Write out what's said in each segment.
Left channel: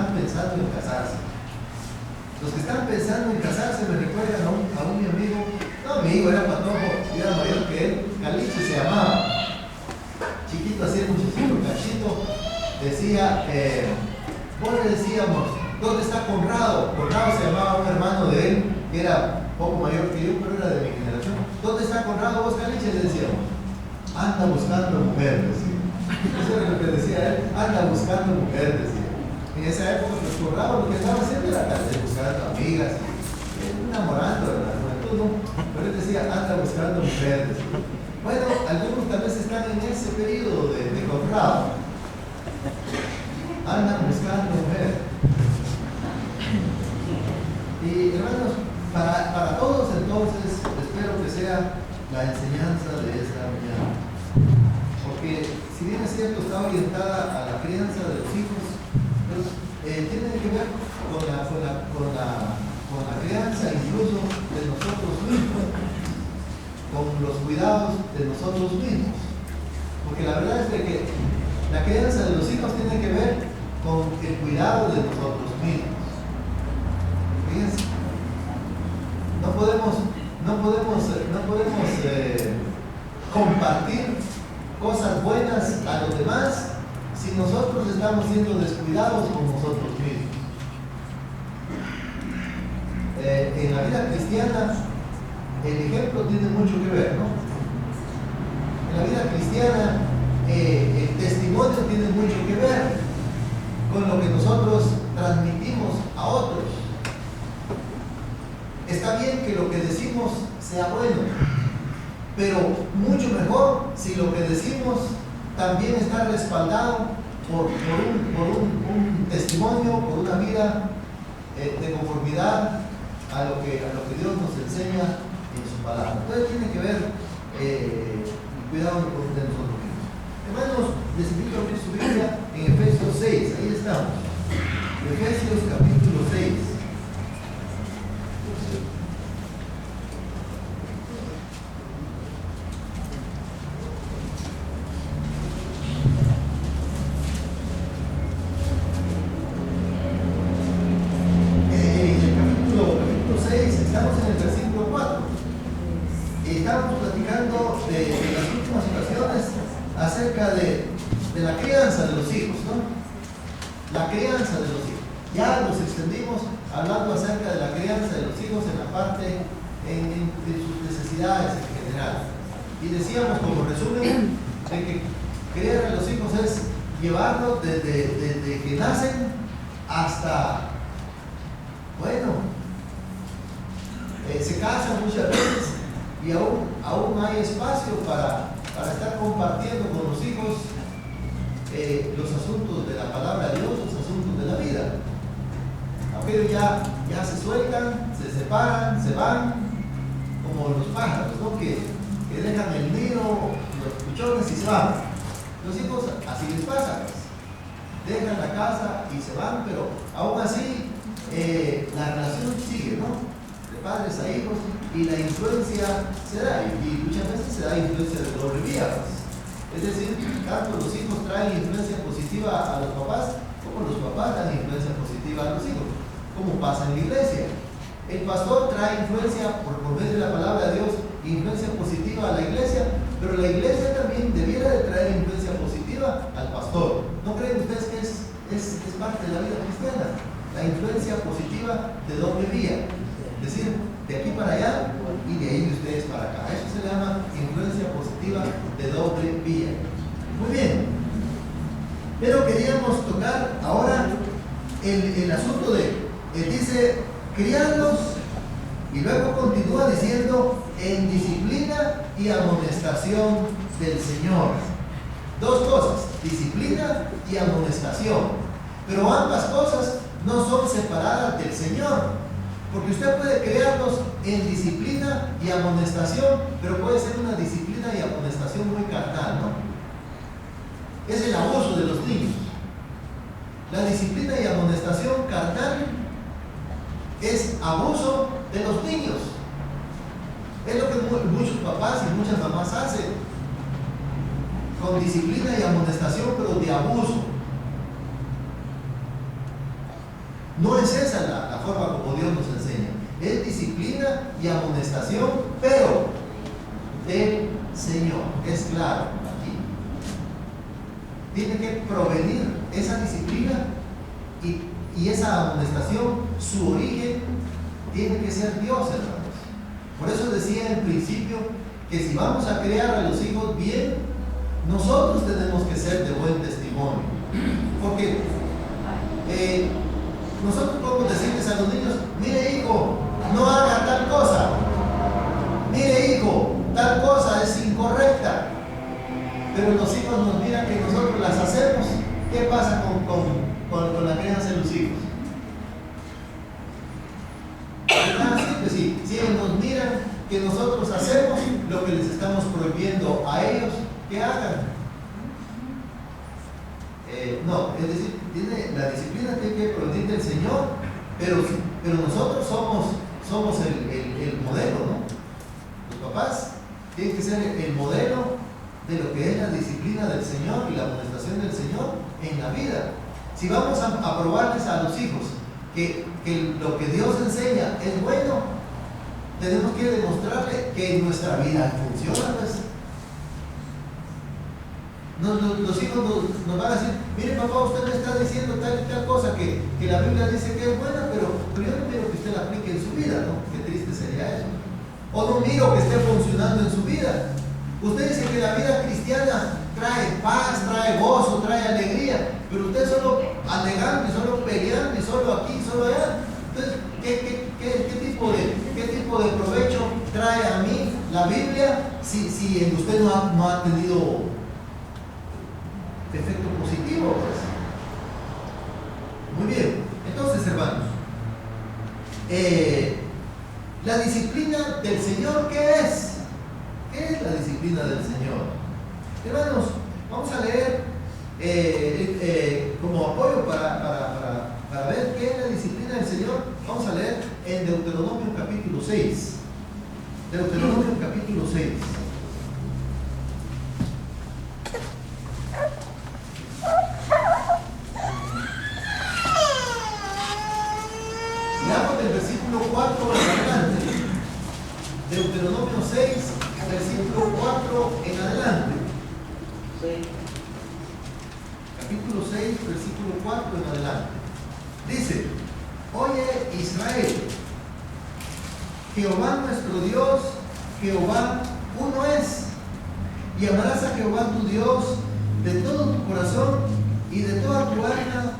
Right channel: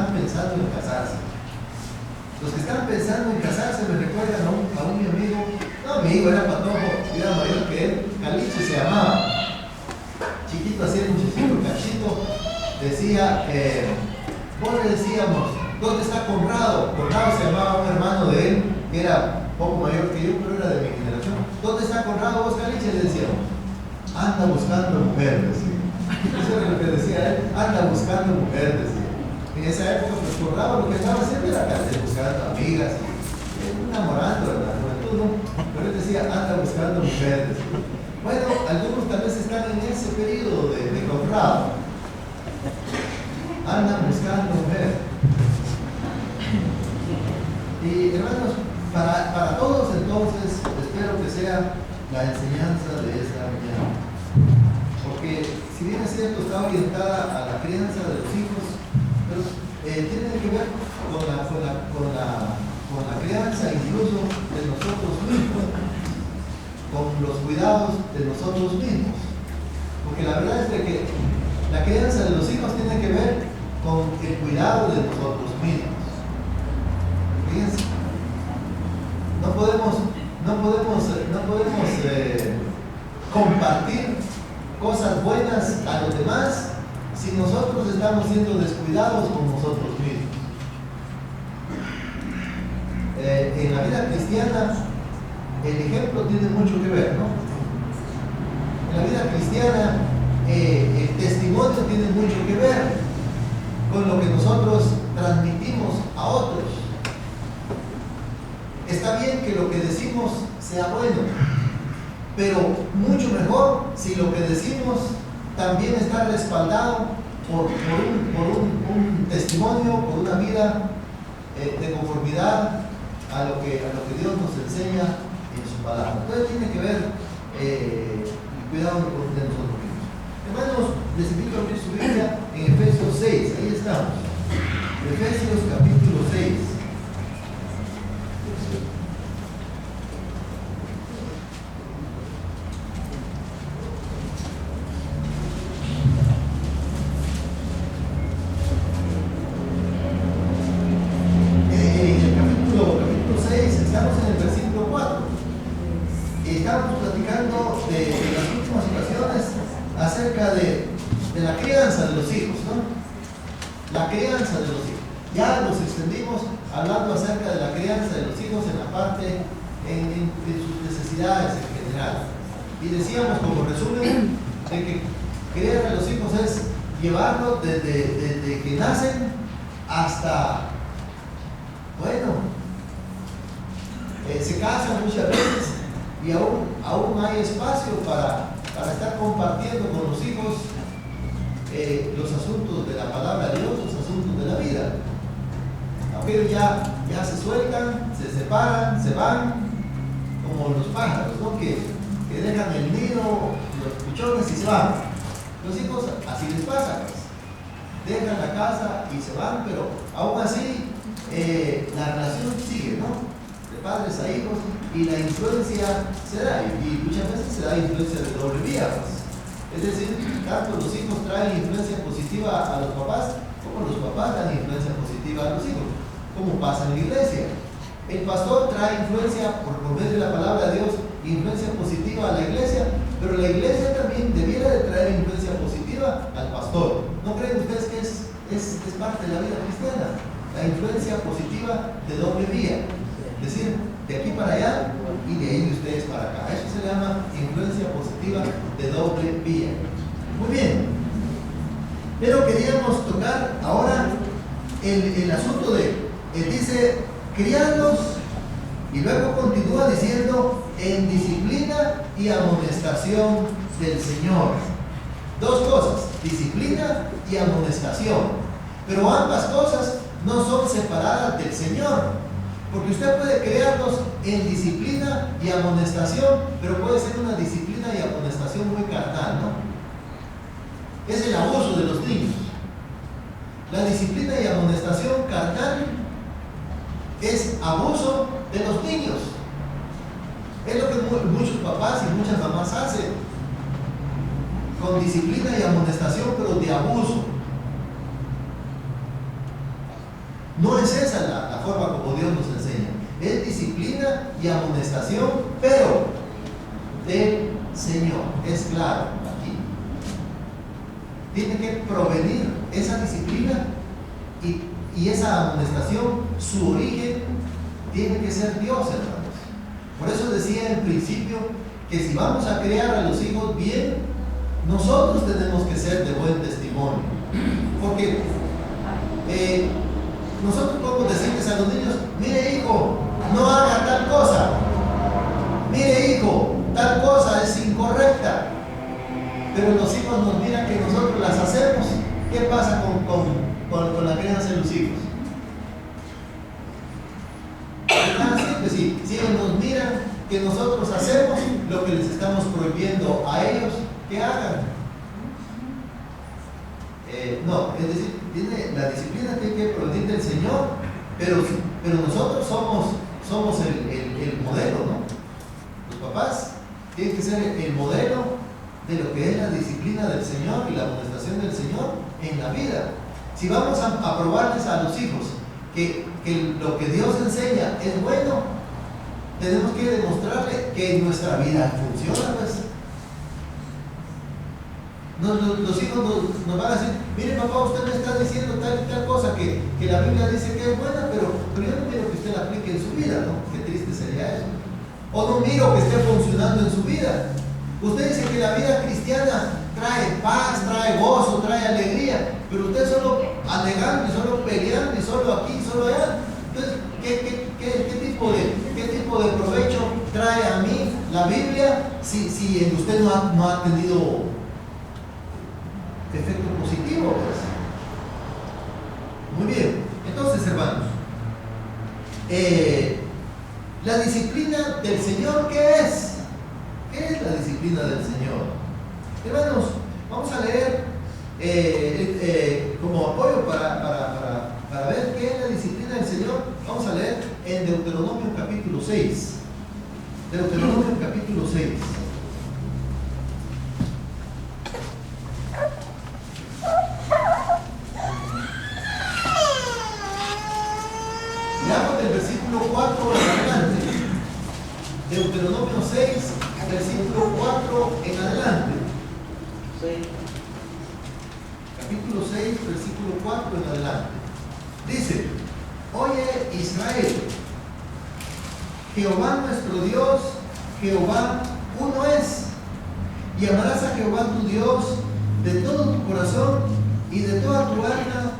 están pensando en casarse. Los que están pensando en casarse me recuerdan a un mi amigo, no amigo, era patojo, era mayor que él, Caliche se llamaba. Chiquito, así el muchachito, Cachito, decía, vos le decíamos, ¿dónde está Conrado? Conrado se llamaba un hermano de él, que era poco mayor que yo, pero era de mi generación. ¿Dónde está Conrado vos, Caliche? Le decíamos, anda buscando mujer, decía. Eso era lo que decía él, anda buscando mujer, decía. En esa época, pues Conrado lo que estaba haciendo era buscando amigas, enamorando de la juventud, ¿no? Pero él decía, anda buscando mujer, decía. Bueno, algunos tal vez están en ese periodo de Conrado. Andan buscando mujer. Y hermanos, para todos entonces, espero que sea la enseñanza de esta mañana. Porque si bien es cierto, está orientada a la crianza de los hijos, pero tiene que ver con la crianza incluso de nosotros mismos, con los cuidados de nosotros mismos. Porque la verdad es de que la crianza de los hijos tiene que ver con el cuidado de nosotros mismos. Fíjense, no podemos compartir cosas buenas a los demás si nosotros estamos siendo descuidados con nosotros mismos. En la vida cristiana el ejemplo tiene mucho que ver, ¿no? En la vida cristiana el testimonio tiene mucho que ver con lo que nosotros transmitimos a otros. Está bien que lo que decimos sea bueno, pero mucho mejor si lo que decimos también está respaldado por un testimonio, por una vida de conformidad a lo que Dios nos enseña en su palabra. Entonces tiene que ver el cuidado de nosotros mismos. Hermanos, les invito a abrir su Biblia en Efesios 6, ahí estamos. Efesios capítulo 6. Hablando acerca de la crianza de los hijos en la parte de sus necesidades en general. Y decíamos como resumen de que criar a los hijos es llevarlos desde que nacen hasta, bueno, se casan muchas veces y aún hay espacio para estar compartiendo con los hijos los asuntos de la palabra de Dios, los asuntos de la vida. Pero ya se sueltan, se separan, se van, como los pájaros, ¿no? que dejan el nido, los puchones y se van. Los hijos así les pasa, pues. Dejan la casa y se van, pero aún así la relación sigue, ¿no? De padres a hijos, y la influencia se da, y muchas veces se da influencia de doble vía, pues. Es decir, tanto los hijos traen influencia positiva a los papás, como los papás dan influencia positiva a los hijos. Como pasa en la iglesia. El pastor trae influencia por medio de la palabra de Dios, influencia positiva a la iglesia, pero la iglesia también debiera de traer influencia positiva al pastor. ¿No creen ustedes que es parte de la vida cristiana? La influencia positiva de doble vía. Es decir, de aquí para allá y de ahí de ustedes para acá. Eso se llama influencia positiva de doble vía. Muy bien. Pero queríamos tocar ahora el asunto de dice, criarlos, y luego continúa diciendo, en disciplina y amonestación del Señor. Dos cosas, disciplina y amonestación. Pero ambas cosas no son separadas del Señor. Porque usted puede criarlos en disciplina y amonestación, pero puede ser una disciplina y amonestación muy carnal, ¿no? Es el abuso de los niños. La disciplina y amonestación carnal es abuso de los niños. Es lo que muchos papás y muchas mamás hacen, con disciplina y amonestación, pero de abuso. No es esa la forma como Dios nos enseña. Es disciplina y amonestación, pero del Señor. Es claro aquí. Tiene que provenir esa disciplina y esa amonestación, su origen tiene que ser Dios, hermanos. Por eso decía en principio que si vamos a criar a los hijos bien, nosotros tenemos que ser de buen testimonio. Porque nosotros podemos decirles a los niños: mire hijo, no haga tal cosa. Mire hijo, tal cosa es incorrecta. Pero los hijos nos miran que nosotros las hacemos. ¿Qué pasa con la crianza de los hijos? Pues si ellos nos miran que nosotros hacemos lo que les estamos prohibiendo a ellos que hagan. No, es decir, la disciplina tiene que provenir del Señor, pero nosotros somos el modelo, ¿no? Los papás tienen que ser el modelo de lo que es la disciplina del Señor y la amonestación del Señor en la vida. Si vamos a probarles a los hijos que lo que Dios enseña es bueno, tenemos que demostrarle que en nuestra vida funciona, pues. Los hijos nos van a decir: mire papá, usted me está diciendo tal y tal cosa que la Biblia dice que es buena, pero yo no quiero que usted la aplique en su vida, ¿no? Qué triste sería eso. O no miro que esté funcionando en su vida. Usted dice que la vida cristiana trae paz, trae gozo, trae alegría, pero usted solo alegando y solo peleando y solo aquí y solo allá. Entonces, ¿qué tipo de provecho trae a mí la Biblia si en usted no ha tenido efecto positivo? Pues? Muy bien. Entonces, hermanos, la disciplina del Señor, ¿qué es? ¿Qué es la disciplina del Señor? Hermanos, vamos a leer como apoyo para ver qué es la disciplina del Señor. Vamos a leer en Deuteronomio capítulo 6. Deuteronomio capítulo 6. Leamos del versículo 4 en adelante. Deuteronomio 6, versículo 4 en adelante. Capítulo 6, versículo 4 en adelante. Dice: oye Israel, Jehová nuestro Dios, Jehová uno es, y amarás a Jehová tu Dios de todo tu corazón y de toda tu alma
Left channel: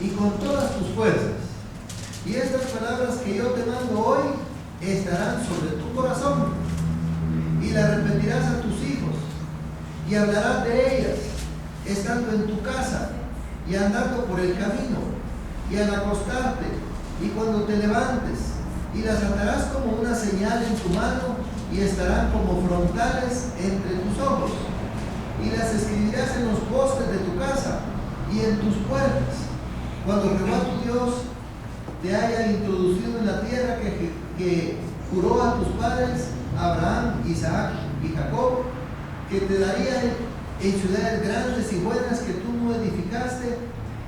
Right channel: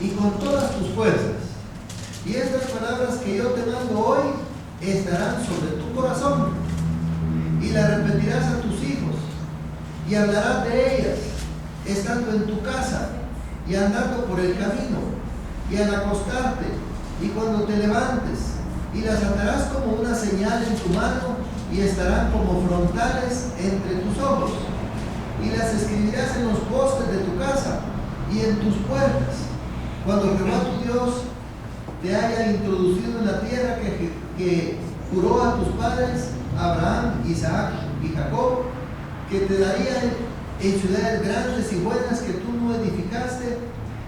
y con todas tus fuerzas. Y estas palabras que yo te mando hoy estarán sobre tu corazón, y las repetirás a tus hijos, y hablarás de ellas, estando en tu casa, y andando por el camino, y al acostarte, y cuando te levantes, y las atarás como una señal en tu mano, y estarán como frontales entre tus ojos, y las escribirás en los postes de tu casa, y en tus puertas, cuando Jehová tu Dios te haya introducido en la tierra que juró a tus padres, Abraham, Isaac y Jacob, que te daría en ciudades grandes y buenas que tú no edificaste,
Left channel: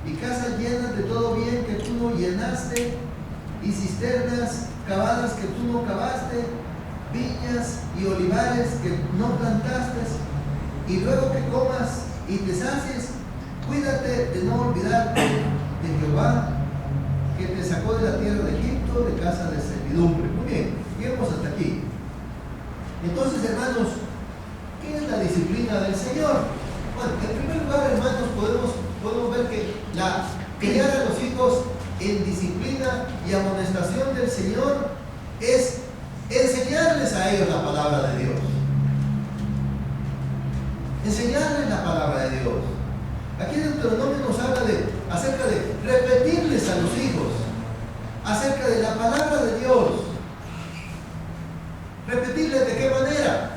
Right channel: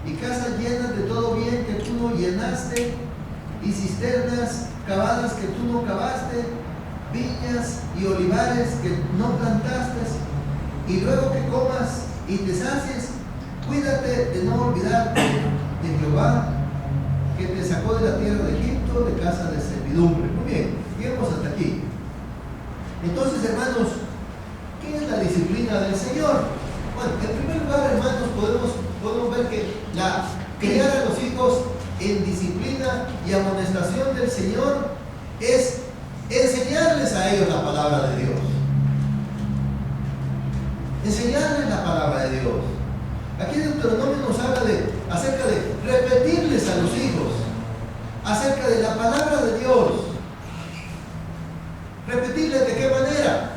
y casas llenas de todo bien que tú no llenaste, y cisternas cavadas que tú no cavaste, viñas y olivares que no plantaste, y luego que comas y te sacies, cuídate de no olvidarte de Jehová, que te sacó de la tierra de Egipto, de casa de servidumbre. Muy bien, lleguemos hasta aquí. Entonces, hermanos, ¿qué es la disciplina del Señor? Bueno, en primer lugar, hermanos, podemos ver que criar a los hijos en disciplina y amonestación del Señor es enseñarles a ellos la palabra de Dios. Enseñarles la palabra de Dios. Aquí en Deuteronomio nos habla acerca de repetirles a los hijos acerca de la palabra de Dios. Repetirles de qué manera.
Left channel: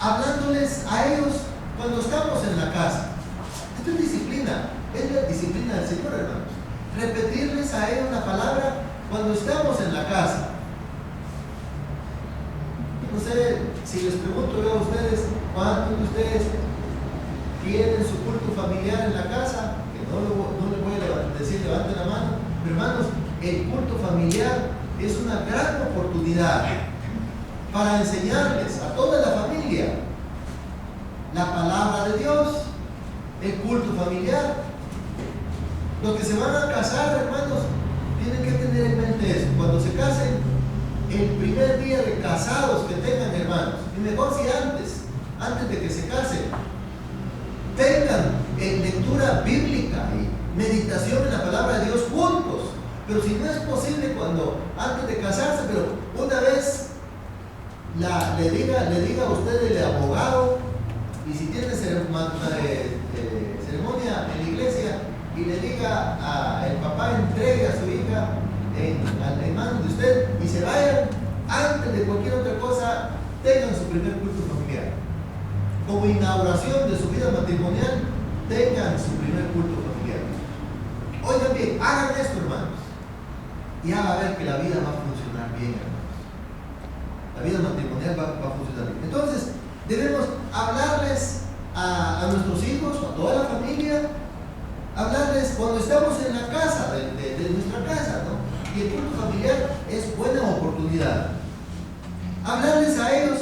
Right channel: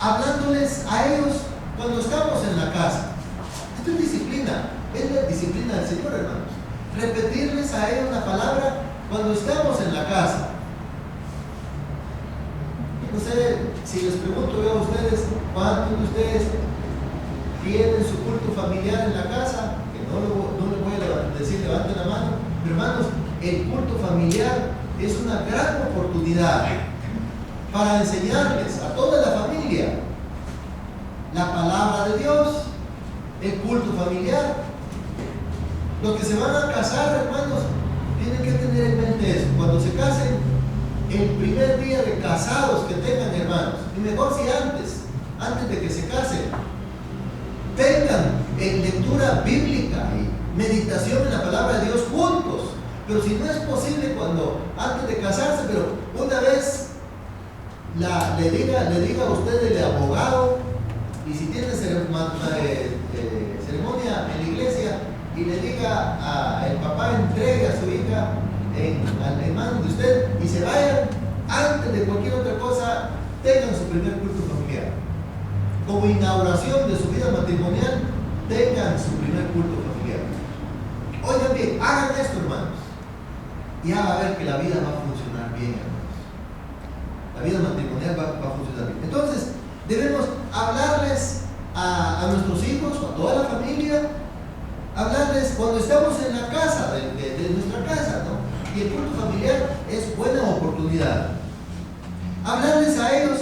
Hablándoles a ellos cuando estamos en la casa. Esto es disciplina, es la disciplina del Señor, hermanos. Repetirles a ellos la palabra cuando estamos en la casa. No sé si les pregunto yo a ustedes, ¿cuántos de ustedes tienen su culto familiar en la casa? Que no le voy a decir levanten la mano, pero hermanos, el culto familiar es una gran oportunidad para enseñarles a toda la familia la palabra de Dios, el culto familiar. Los que se van a casar, hermanos, tienen que tener en mente eso. Cuando se casen, el primer día de casados que tengan, hermanos, y mejor si antes de que se casen, tengan lectura bíblica y meditación en la palabra de Dios juntos. Pero si no es posible antes de casarse, pero una vez le diga a usted el abogado, y si tiene ceremonia en la iglesia, y le diga el papá entregue a su hija en manos de usted, y se vayan, antes de cualquier otra cosa, tengan su primer culto familiar. Como inauguración de su vida matrimonial, tengan su primer culto familiar. Oigan bien, hagan esto, hermanos, y van a ver que la vida va a funcionar bien, hermanos. La vida matrimonial va a funcionar bien. Entonces, debemos hablarles a nuestros hijos, a toda la familia, hablarles cuando estamos en la casa, de nuestra casa, ¿no? Y el culto familiar es buena oportunidad. Hablarles a ellos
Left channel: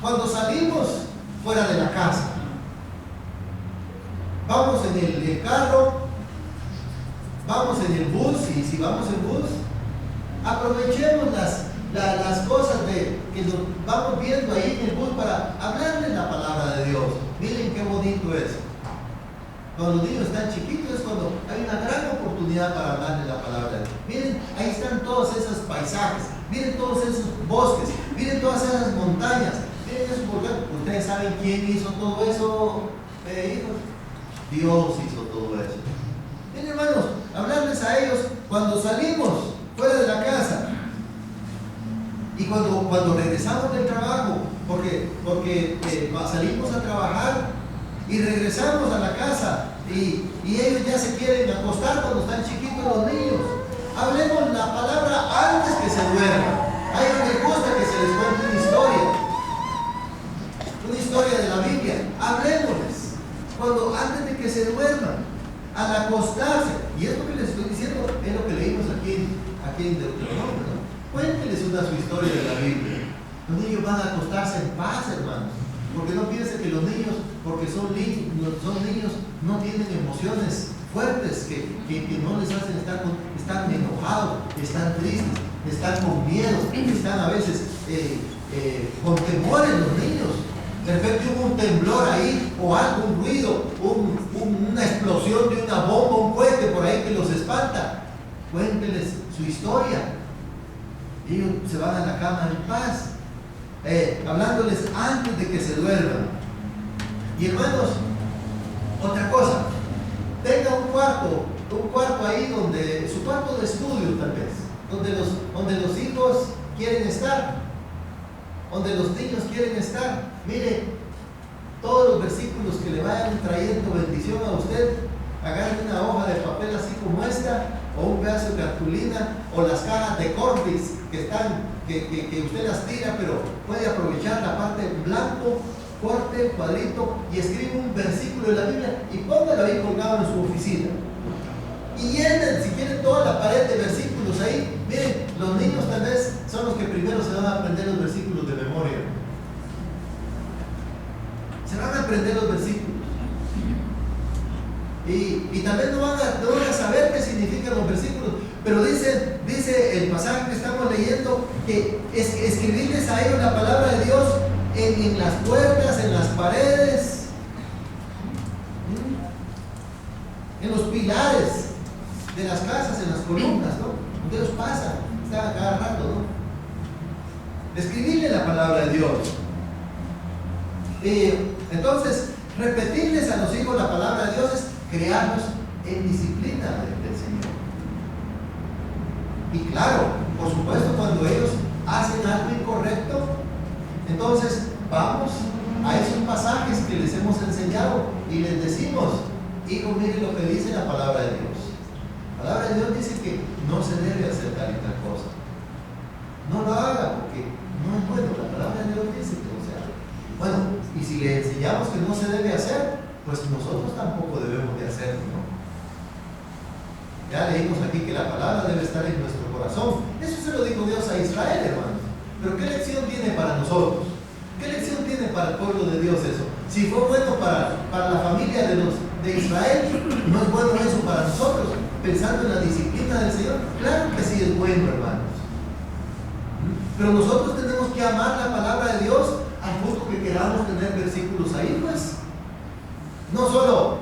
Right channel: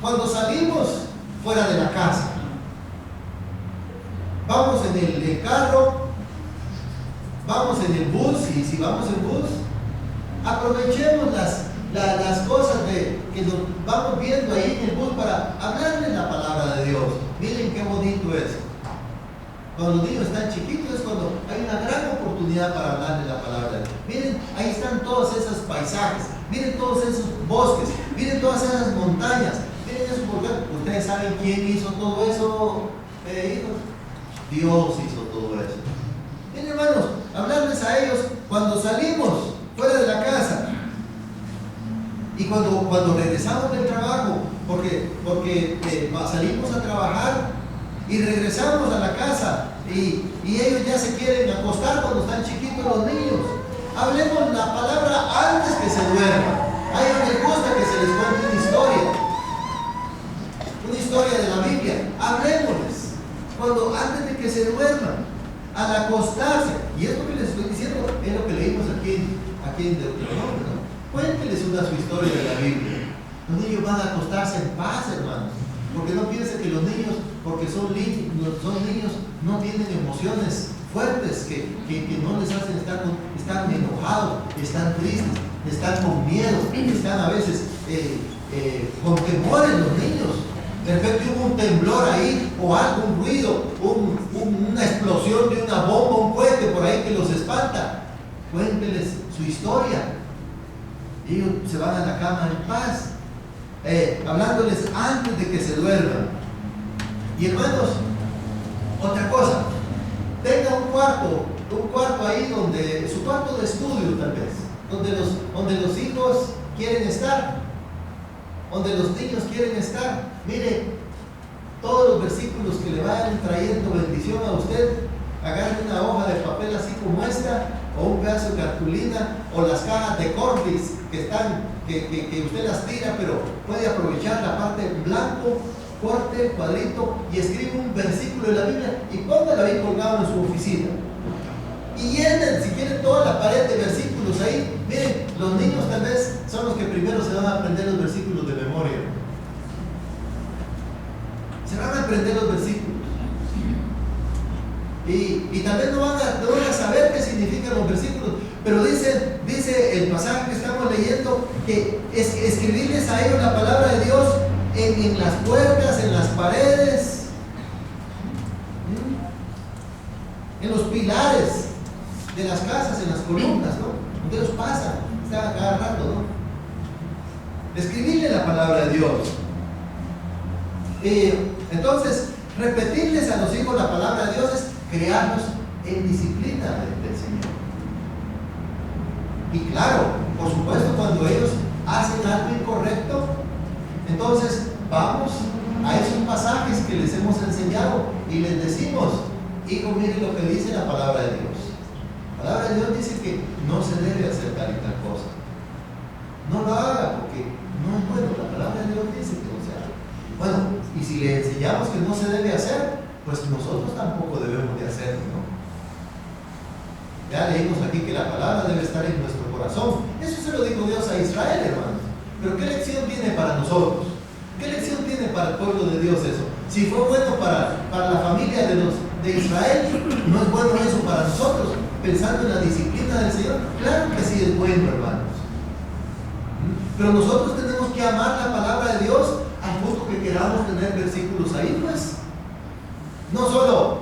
cuando salimos fuera de la casa. Vamos en el carro, vamos en el bus, y si vamos en bus, aprovechemos las cosas que nos vamos viendo ahí en el bus para hablarles la palabra de Dios. Miren qué bonito es. Cuando los niños están chiquitos es cuando hay una gran oportunidad para hablarles la palabra de Dios. Miren, ahí están todos esos paisajes, miren todos esos bosques, miren todas esas montañas, miren eso, porque ustedes saben quién hizo todo eso, hijos. Dios hizo todo eso. Miren, hermanos, hablarles a ellos cuando salimos fuera de la casa y cuando regresamos del trabajo, porque salimos a trabajar y regresamos a la casa y ellos ya se quieren acostar cuando están chiquitos los niños. Hablemos la palabra antes que se duerman. A ellos les gusta que se les cuente una historia de la Biblia. Hablemosles antes de que se duerman, al acostarse. Y esto que les estoy diciendo es lo que leímos aquí en Deuteronomio, ¿no? Cuénteles su historia de la Biblia. Los niños van a acostarse en paz, hermanos. Porque no piensen que los niños, porque son niños, no tienen emociones fuertes que no les hacen están enojados, están tristes, están con miedo, están a veces con temores los niños. De repente hubo un temblor ahí, o algún ruido, una explosión de una bomba, un cohete por ahí que los espanta. Cuénteles su historia. Ellos se van a la cama en paz. Hablándoles antes de que se duerman. Y hermanos, otra cosa, tenga un cuarto ahí donde, su cuarto de estudio tal vez, donde los hijos quieren estar, donde los niños quieren estar. Mire, todos los versículos que le vayan trayendo bendición a usted, agarre una hoja de papel así como esta, o un pedazo de cartulina, o las cajas de Cordis que usted las tira, pero puede aprovechar la parte en blanco, corte, cuadrito, y escribe un versículo de la Biblia y póngalo ahí colgado en su oficina. Y llenen, si quieren, toda la pared de versículos ahí. Miren, los niños tal vez son los que primero se van a aprender los versículos de memoria. Se van a aprender los versículos. Y tal vez no van a saber qué significan los versículos, pero dice el pasaje que estamos leyendo que es escribirles a ellos la palabra de Dios en las puertas, en las paredes, en los pilares de las casas, en las columnas, ¿no? Donde ellos pasan, están a cada rato, ¿no? Escribirle la palabra de Dios. Entonces, repetirles a los hijos la palabra de Dios es crearlos en disciplina del Señor. Y claro, por supuesto, cuando ellos hacen algo incorrecto, entonces vamos a esos pasajes que les hemos enseñado y les decimos: hijo, mire lo que dice la palabra de Dios. La palabra de Dios dice que no se debe hacer tal y tal cosa. No lo haga porque no es bueno. La palabra de Dios dice que no se haga. Bueno, y si le enseñamos que no se debe hacer, pues nosotros tampoco debemos de hacerlo, ¿no? Ya leímos aquí que la palabra debe estar en nuestro corazón. Eso se lo dijo Dios a Israel, hermanos. Pero ¿qué lección tiene para nosotros? ¿Qué lección tiene para el pueblo de Dios eso? Si fue bueno para la familia de Israel, ¿no es bueno eso para nosotros? Pensando en la disciplina del Señor, claro que sí es bueno, hermanos. Pero nosotros tenemos que amar la palabra de Dios al punto que queramos tener versículos ahí, pues. No solo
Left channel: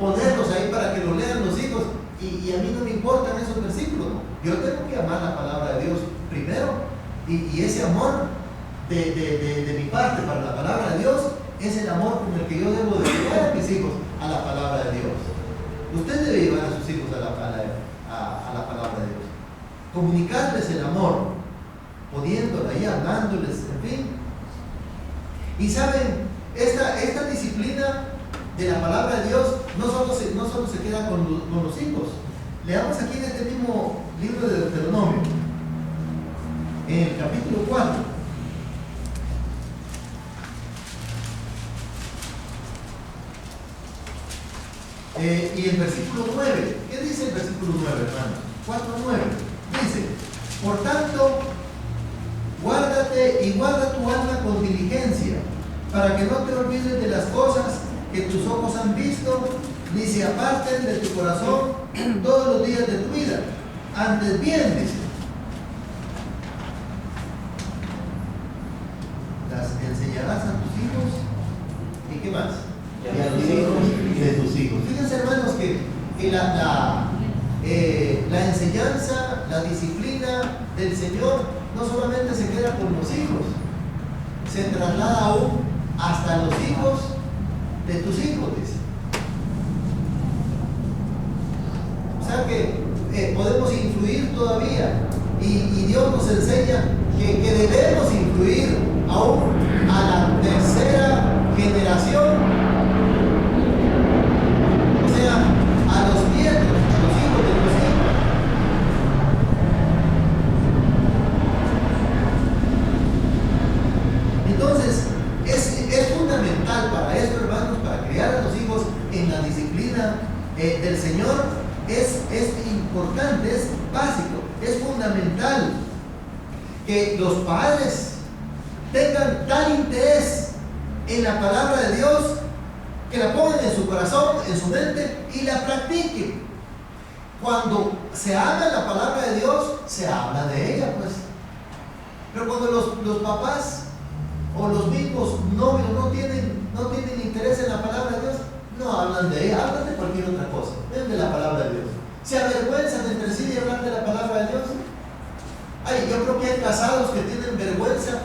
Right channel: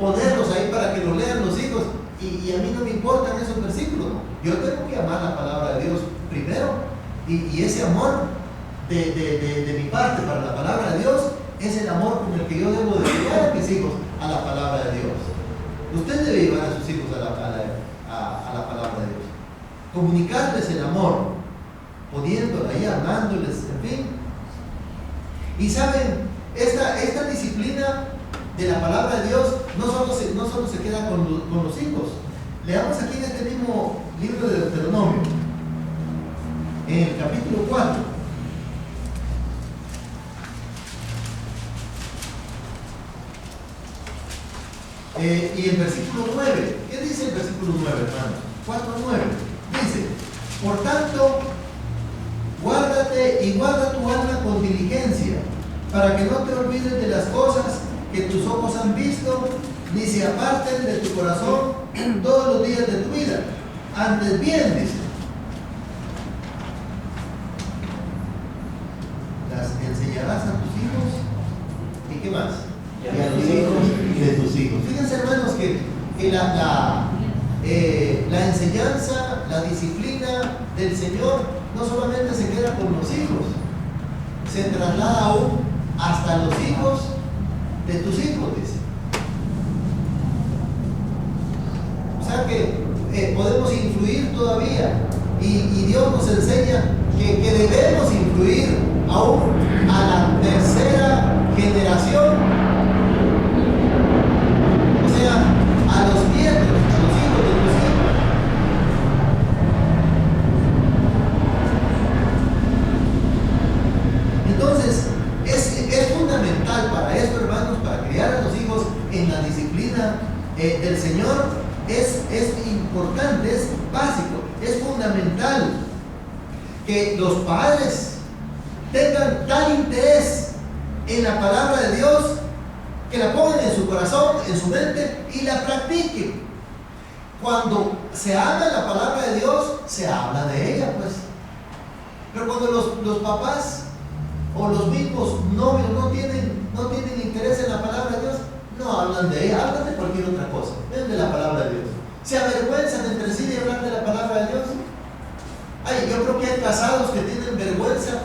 ponerlos ahí para que los lean los hijos y a mí no me importan esos versículos. Yo tengo que amar la palabra de Dios primero y ese amor de mi parte para la palabra de Dios es el amor con el que yo debo de llevar a mis hijos a la palabra de Dios. Usted debe llevar a sus hijos a la palabra de Dios, comunicarles el amor, poniéndola ahí, hablándoles, en fin. Y saben, esta disciplina de la palabra de Dios no solo se queda con los hijos. Leamos aquí en este mismo libro de Deuteronomio, en el capítulo 4. Y el versículo 9, ¿qué dice el versículo 9, hermanos? 4:9, dice: por tanto, guárdate y guarda tu alma con diligencia, para que no te olvides de las cosas que tus ojos han visto, ni se aparten de tu corazón todos los días de tu vida. Antes bien, dice, las enseñarás a tus hijos, ¿y qué más? Y a los hijos de tus hijos. Fíjense, hermanos, que la enseñanza, la disciplina del Señor no solamente se queda con los hijos, se traslada aún hasta los hijos de tus hijos, dice. O sea que podemos influir todavía y Dios nos enseña que debemos influir aún a la tercera generación. A los nietos, a los hijos de tus hijos. Entonces, es fundamental para esto, hermanos, para criar a los hijos en la disciplina del Señor. Es importante, es básico, es fundamental que los padres tengan tal interés en la palabra de Dios que la pongan en su corazón, en su mente y la practiquen. Cuando se habla de la palabra de Dios, se habla de ella, pues. Pero cuando los papás o los mismos novios no tienen interés en la palabra de Dios, no hablan de ella, hablan de cualquier otra cosa, es de la palabra de Dios. Se avergüenzan entre sí de hablar de la palabra de Dios. Ay, yo creo que hay casados que tienen vergüenza,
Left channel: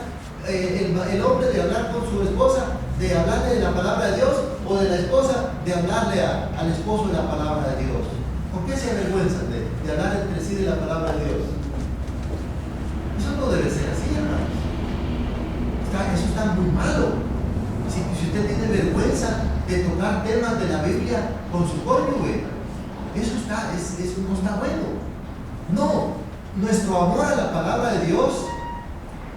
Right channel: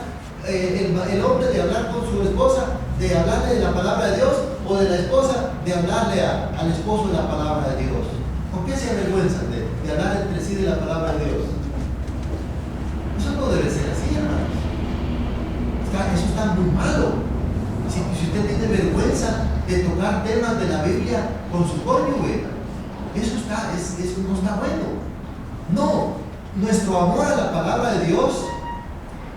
el hombre de hablar con su esposa, de hablarle de la palabra de Dios, o de la esposa de hablarle al esposo de la palabra de Dios. ¿Por qué se avergüenzan de hablar entre sí de la palabra de Dios? Eso no debe ser así, hermanos. Eso está muy malo. Si usted tiene vergüenza de tocar temas de la Biblia con su cónyuge, eso no está bueno. No, nuestro amor a la palabra de Dios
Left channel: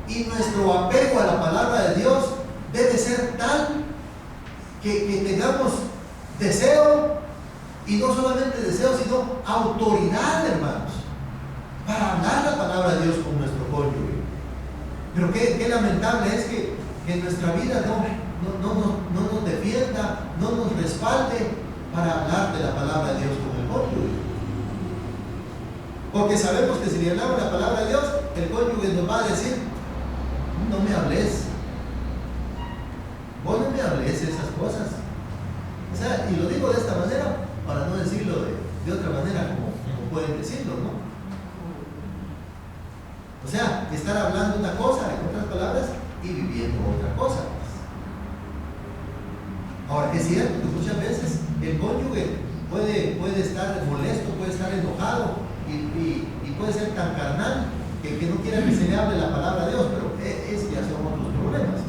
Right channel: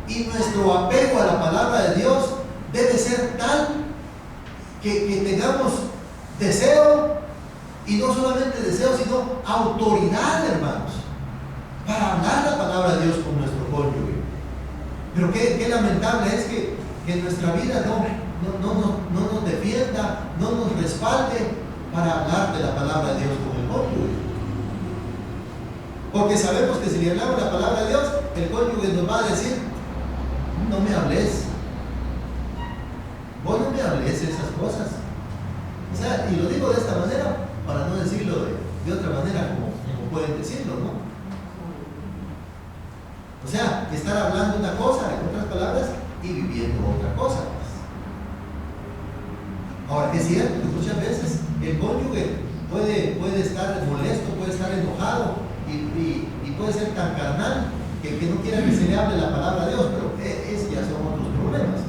y nuestro apego a la palabra de Dios debe ser tal que tengamos deseo, y no solamente deseo, sino autoridad, hermanos, para hablar la palabra de Dios con nuestro cónyuge. Pero qué lamentable es que nuestra vida no nos defienda, no nos respalde para hablar de la palabra de Dios con el cónyuge. Porque sabemos que si le hablamos la palabra de Dios, el cónyuge nos va a decir: no me hables, vos no me hables esas cosas. O sea, y lo digo de esta manera para no decirlo de otra manera como pueden decirlo, ¿no? O sea, estar hablando una cosa, en otras palabras, y viviendo otra cosa. Ahora, es cierto que muchas veces el cónyuge puede estar molesto, puede estar enojado y puede ser tan carnal que no quiera que se le hable la palabra de Dios, pero ese ya son otros problemas.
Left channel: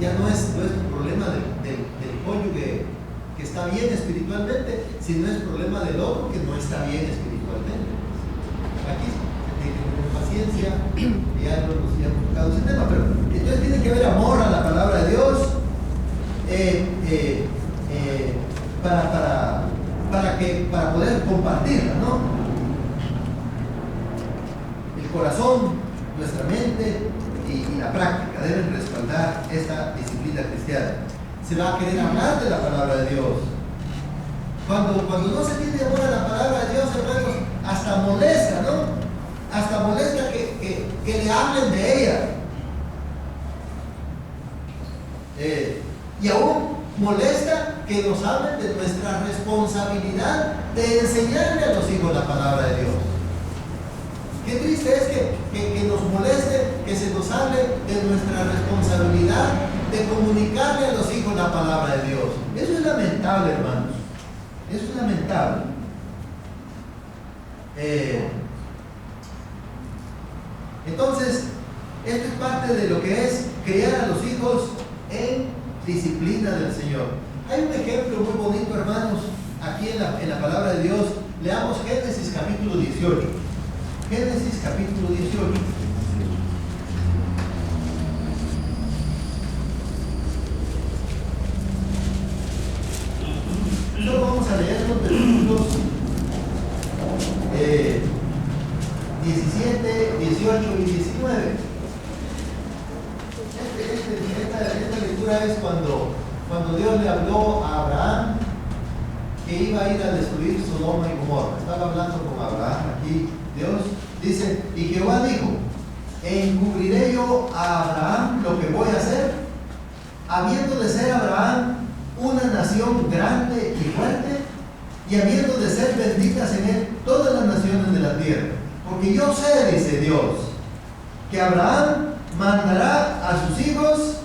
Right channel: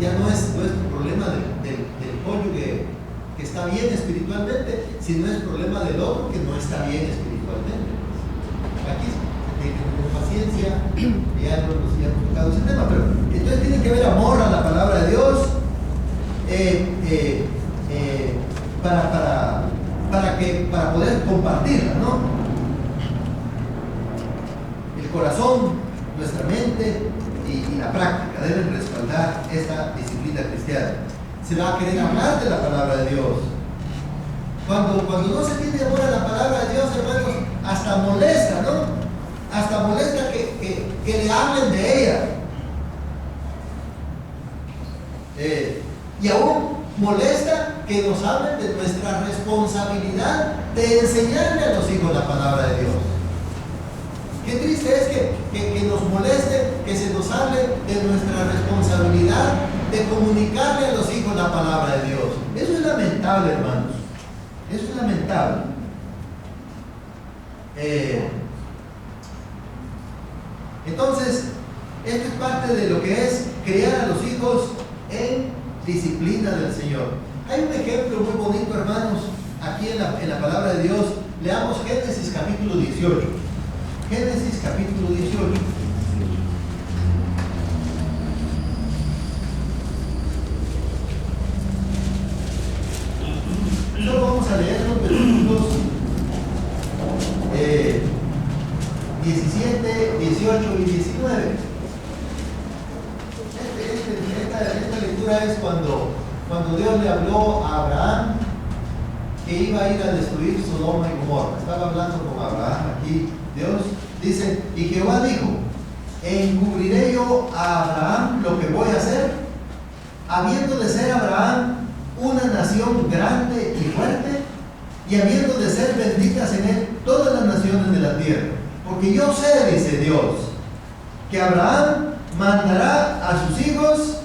Ya no es problema del cónyuge que está bien espiritualmente, sino es problema del otro que no está bien espiritualmente. Aquí con paciencia, ya hemos tocado ese tema, pero entonces tiene que haber amor a la palabra de Dios para corazón, nuestra mente y la práctica deben respaldar esta disciplina cristiana. Se va a querer hablar de la palabra de Dios. Cuando no se tiene amor a la palabra de Dios, hermanos, hasta molesta, ¿no? Hasta molesta que le hablen de ella. Y aún molesta que nos hablen de nuestra responsabilidad de enseñarle a los hijos la palabra de Dios. Qué triste es que nos moleste, que se nos hable de nuestra responsabilidad de comunicarle a los hijos la palabra de Dios. Eso es lamentable, hermanos. Eso es lamentable. Entonces, esto es parte de lo que es criar a los hijos en disciplina del Señor. Hay un ejemplo muy bonito, hermanos, aquí en la palabra de Dios. Leamos Génesis capítulo 18. Génesis capítulo 18. Solo vamos a leer los versículos 17, 18 y 19. Esta lectura es cuando Dios le habló a Abraham que iba a ir a destruir Sodoma y Gomorra. Estaba hablando con Abraham aquí. Dios dice, y Jehová dijo, encubriré yo a Abraham lo que voy a hacer, habiendo de ser Abraham una nación grande y fuerte, y habiendo de ser benditas en él todas las naciones de la tierra. Porque yo sé, dice Dios, que Abraham mandará a sus hijos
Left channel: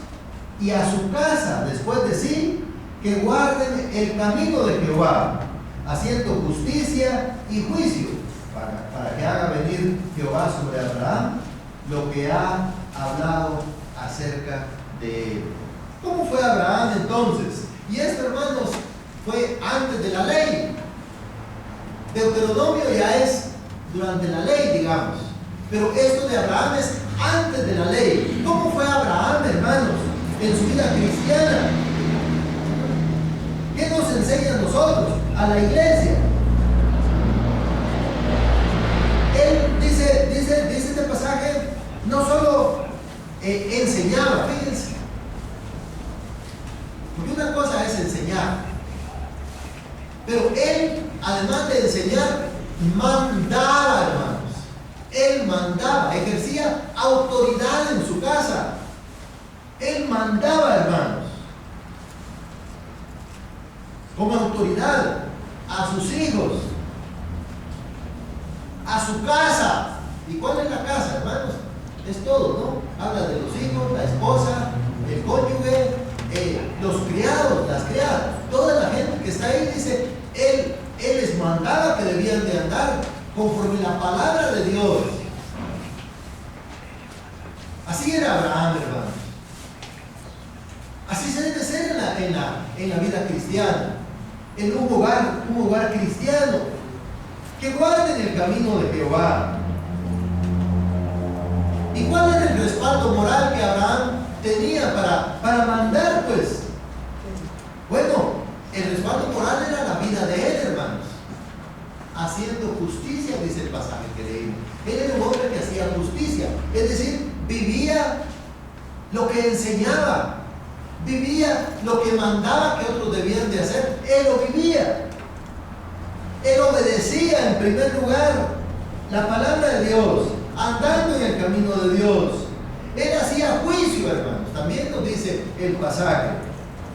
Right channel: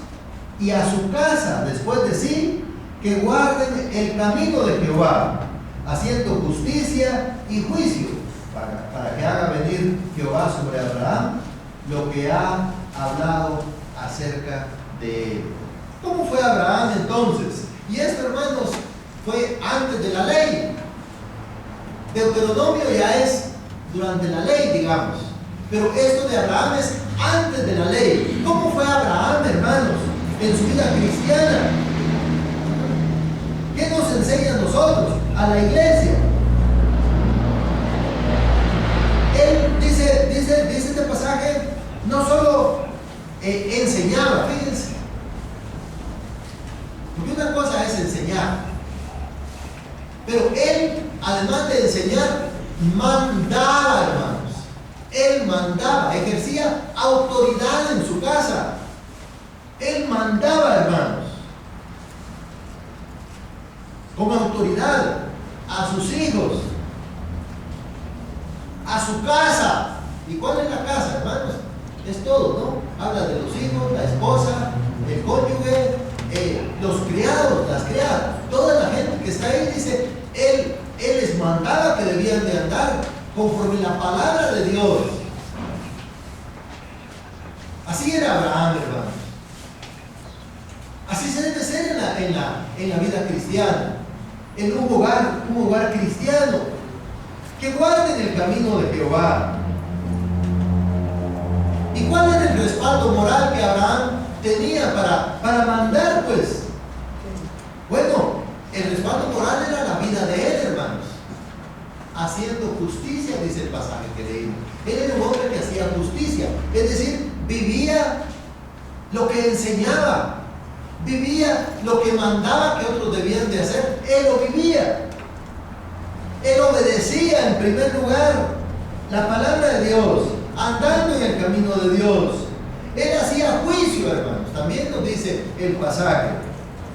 y a su casa después de sí, que guarden el camino de Jehová, haciendo justicia y juicio, para que haga venir Jehová sobre Abraham lo que ha hablado acerca de él. ¿Cómo fue Abraham entonces? Y esto, hermanos, fue antes de la ley. Deuteronomio ya es durante la ley, digamos. Pero esto de Abraham es antes de la ley. ¿Cómo fue Abraham, hermanos, en su vida cristiana? ¿Qué nos enseña a nosotros, a la iglesia? Él dice este pasaje, no solo enseñaba, fíjense. Porque una cosa es enseñar, pero él, además de enseñar, mandaba, hermanos. Él mandaba, ejercía autoridad en su casa. Él mandaba, hermanos, con autoridad a sus hijos, a su casa. ¿Y cuál es la casa, hermanos? Es todo, ¿no? Habla de los hijos, la esposa, el cónyuge, los criados, las criadas, toda la gente que está ahí. Dice, él les mandaba que debían de andar conforme la palabra de Dios. Así era Abraham, hermanos. Así se debe ser en la vida cristiana, en un hogar cristiano, que guarden el camino de Jehová. ¿Y cuál era el respaldo moral que Abraham tenía para mandar, pues? Bueno, el respaldo moral era la vida de él, hermanos. Haciendo justicia, dice el pasaje que leímos. Él era un hombre que hacía justicia, es decir, vivía lo que enseñaba, vivía lo que mandaba que otros debían de hacer. Él lo vivía. Él obedecía en primer lugar la palabra de Dios, andando en el camino de Dios. Él hacía juicio, hermanos. También nos dice el pasaje.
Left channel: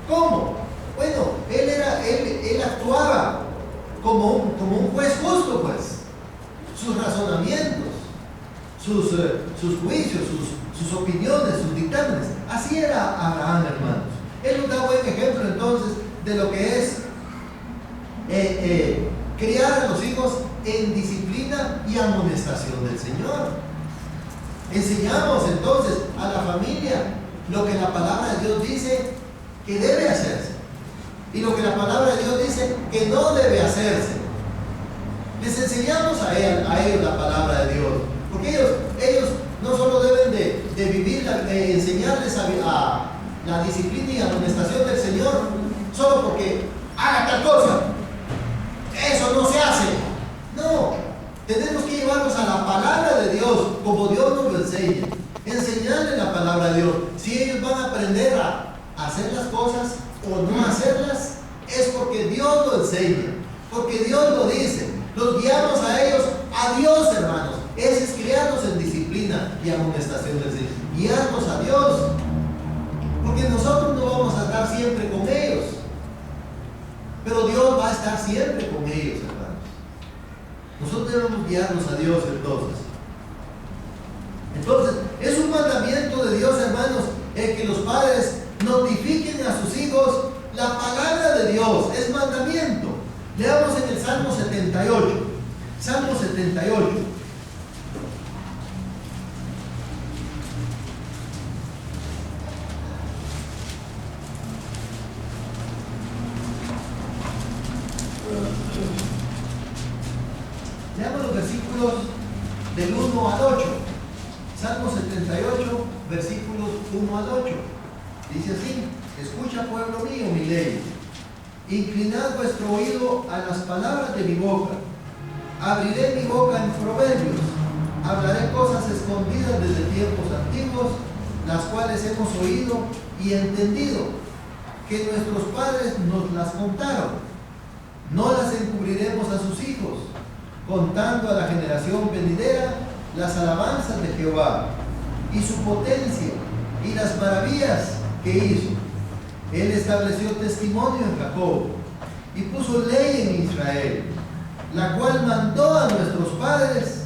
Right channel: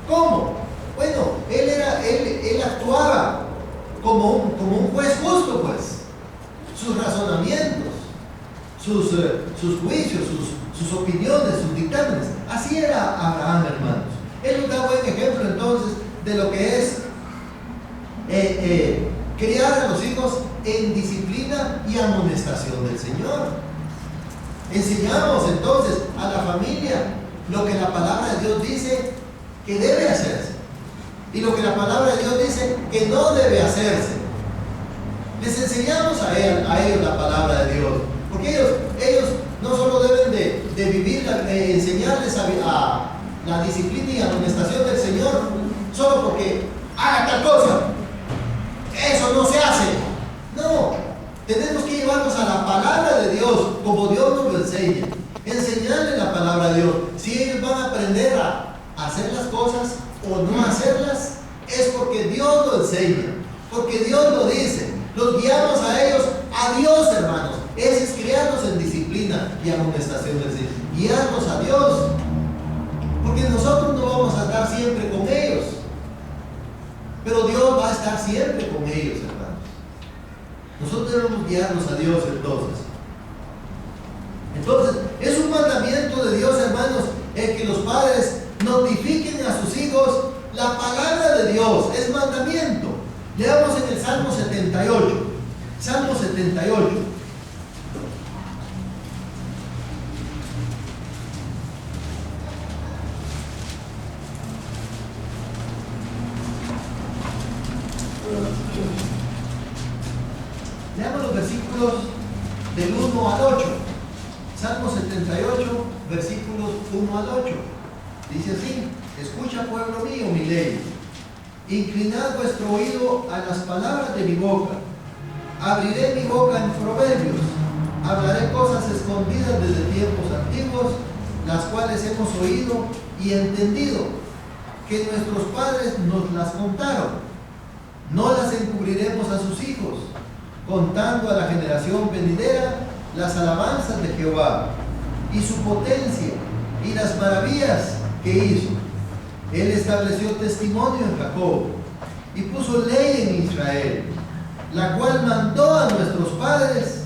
¿Cómo? Bueno, él actuaba como un juez justo, pues. Sus razonamientos, sus juicios, sus opiniones, sus dictámenes. Así era Abraham, hermanos. Él nos da buen ejemplo entonces de lo que es criar a los hijos en disciplina y amonestación del Señor. Enseñamos entonces a la familia lo que la palabra de Dios dice que debe hacerse y lo que la palabra de Dios dice que no debe hacerse. Les enseñamos a ellos la palabra de Dios, porque ellos no solo deben de vivir, enseñarles a la disciplina y amonestación del Señor solo porque haga tal cosa. Eso no se hace. No, Tenemos que llevarlos a la palabra de Dios, como Dios nos lo enseña. Enseñarles la palabra de Dios. Si ellos van a aprender a hacer las cosas o no hacerlas, es porque Dios lo enseña, porque Dios lo dice. Los guiamos a ellos, a Dios, hermanos. Ese es criarlos en disciplina y amonestación del Señor. Guiarlos a Dios. Porque nosotros no vamos a estar siempre con ellos, pero Dios va a estar siempre con ellos, hermanos. Nosotros debemos guiarnos a Dios entonces, es un mandamiento de Dios, hermanos, el que los padres notifiquen a sus hijos la palabra de Dios. Es mandamiento. Leamos en el Salmo 78. Salmo 78. Leamos los versículos del 1 al 8. Salmo 78, versículos 1 al 8. Dice así: escucha, pueblo mío, mi ley. Inclinad vuestro oído a las palabras de mi boca. Abriré mi boca en proverbios. Hablaré cosas escondidas desde tiempos antiguos, las cuales hemos oído y entendido, que nuestros padres nos las contaron. No las encubriremos a sus hijos, contando a la generación venidera las alabanzas de Jehová y su potencia y las maravillas que hizo. Él estableció testimonio en Jacob y puso ley en Israel, la cual mandó a nuestros padres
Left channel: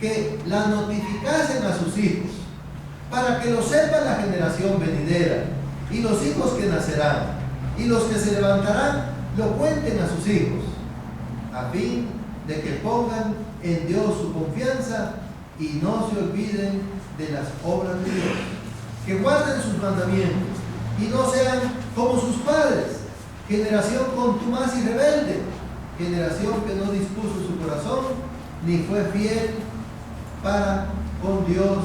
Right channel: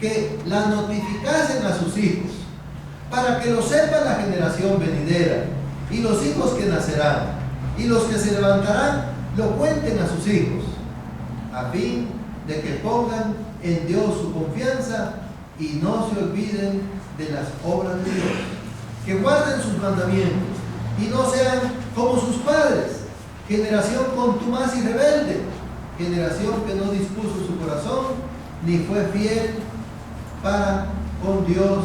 que la notificasen a sus hijos, para que lo sepa la generación venidera y los hijos que nacerán, y los que se levantarán lo cuenten a sus hijos, a fin de que pongan en Dios su confianza y no se olviden de las obras de Dios, que guarden sus mandamientos y no sean como sus padres, generación contumaz y rebelde, generación que no dispuso su corazón ni fue fiel para con Dios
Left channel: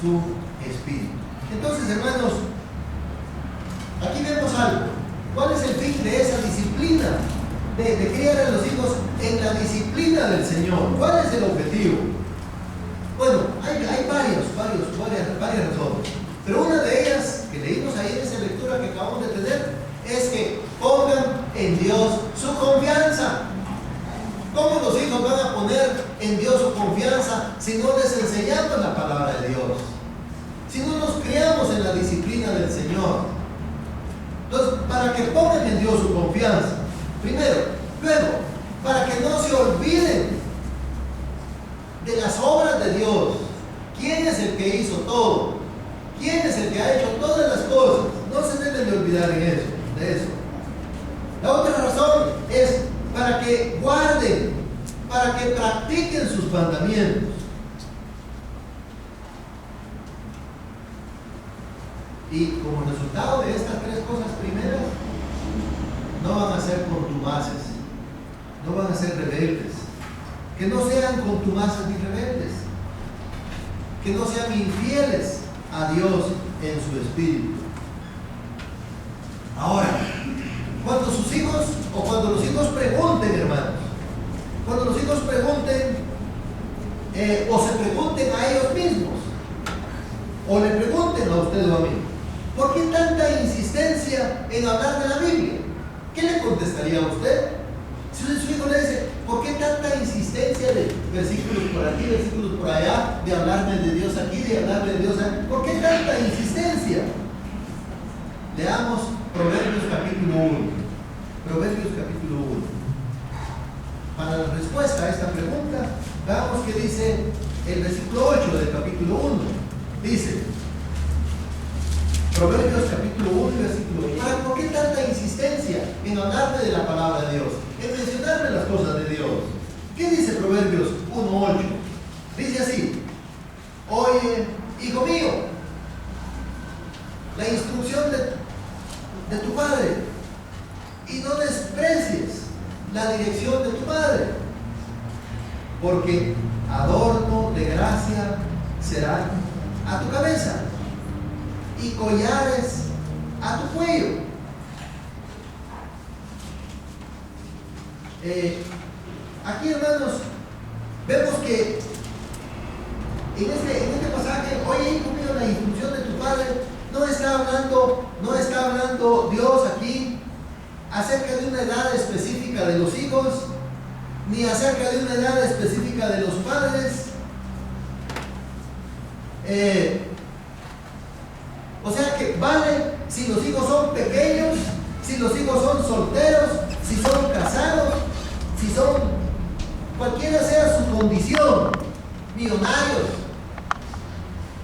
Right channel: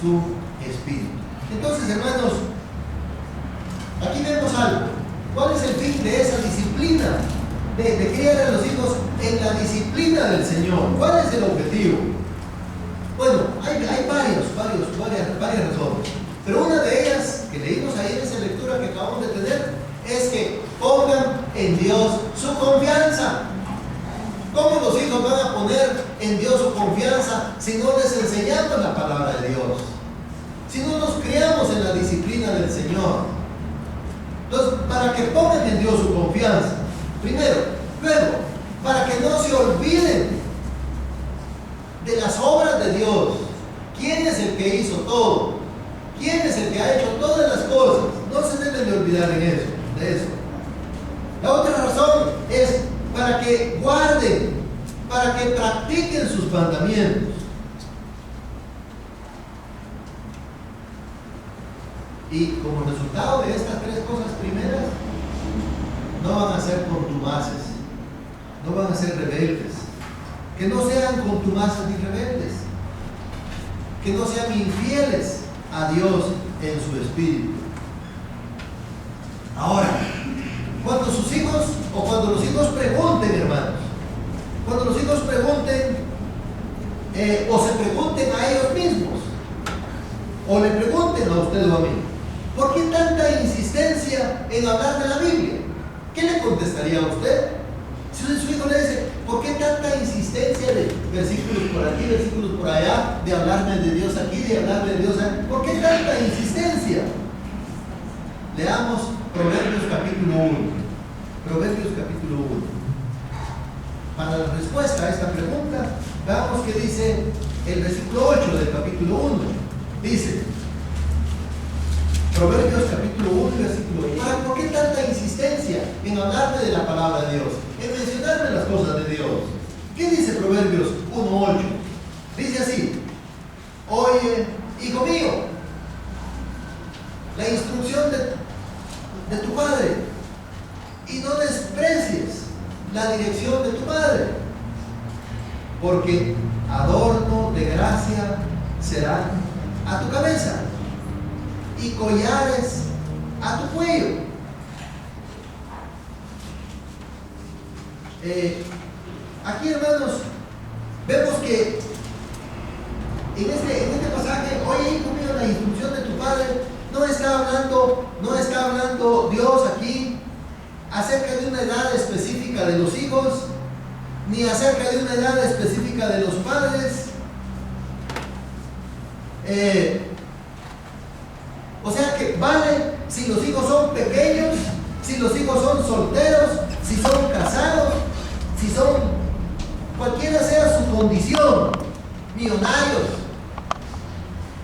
su espíritu. Entonces, hermanos, aquí vemos algo. ¿Cuál es el fin de esa disciplina? De criar a los hijos en la disciplina del Señor. ¿Cuál es el objetivo? Bueno, hay varias razones. Pero una de ellas, que leímos ahí en esa lectura que acabamos de tener, es que pongan en Dios su confianza. ¿Cómo los hijos van a poner en Dios su confianza si no les enseñamos la palabra de Dios? Si no nos criamos en la disciplina del Señor. Entonces, para que pongan en Dios su confianza, primero. Luego, para que no se olviden de las obras de Dios. ¿Quién es el que hizo todo? ¿Quién es el que ha hecho todas las cosas? No se deben de olvidar de eso. La otra razón es para que guarden, para que practiquen sus mandamientos. Y como resultado de estas tres cosas primeras, no van a ser contumaces, no van a ser rebeldes. Que no sean contumaces ni rebeldes, que no sean infieles a Dios en su espíritu. Ahora, cuando sus hijos, o cuando los hijos pregunten, hermanos, cuando los hijos pregunten, o se pregunten a ellos mismos, o le pregunten a usted o a mí, ¿por qué tanta insistencia en hablar de la Biblia? ¿Qué le contestaría a usted? Si su hijo le dice, ¿por qué tanta insistencia de versículos por aquí, versículos por allá, de hablarme de Dios aquí, de hablarme de Dios allá? ¿Por qué tanta insistencia? Leamos Proverbios capítulo 1. Proverbios capítulo 1. Para la respuesta a esta pregunta, veamos qué dice el versículo 8 del capítulo 1. Dice, Proverbios capítulo 1, versículo 8. ¿Por qué tanta insistencia en hablarme de la palabra de Dios? En mencionarme las cosas de Dios. ¿Qué dice Proverbios 1:8? Dice así: oye, hijo mío, la instrucción de tu padre, y no desprecies la dirección de tu madre, porque adorno de gracia serán a tu cabeza y collares a tu cuello. Aquí, hermanos, Vemos que en este pasaje, oye, hijo mío, la instrucción de tu padre, no está hablando Dios aquí acerca de una edad específica de los hijos, ni acerca de una edad específica de los padres. O sea que vale si los hijos son pequeños, si los hijos son solteros, si son casados, si son cualquiera sea su condición, millonarios,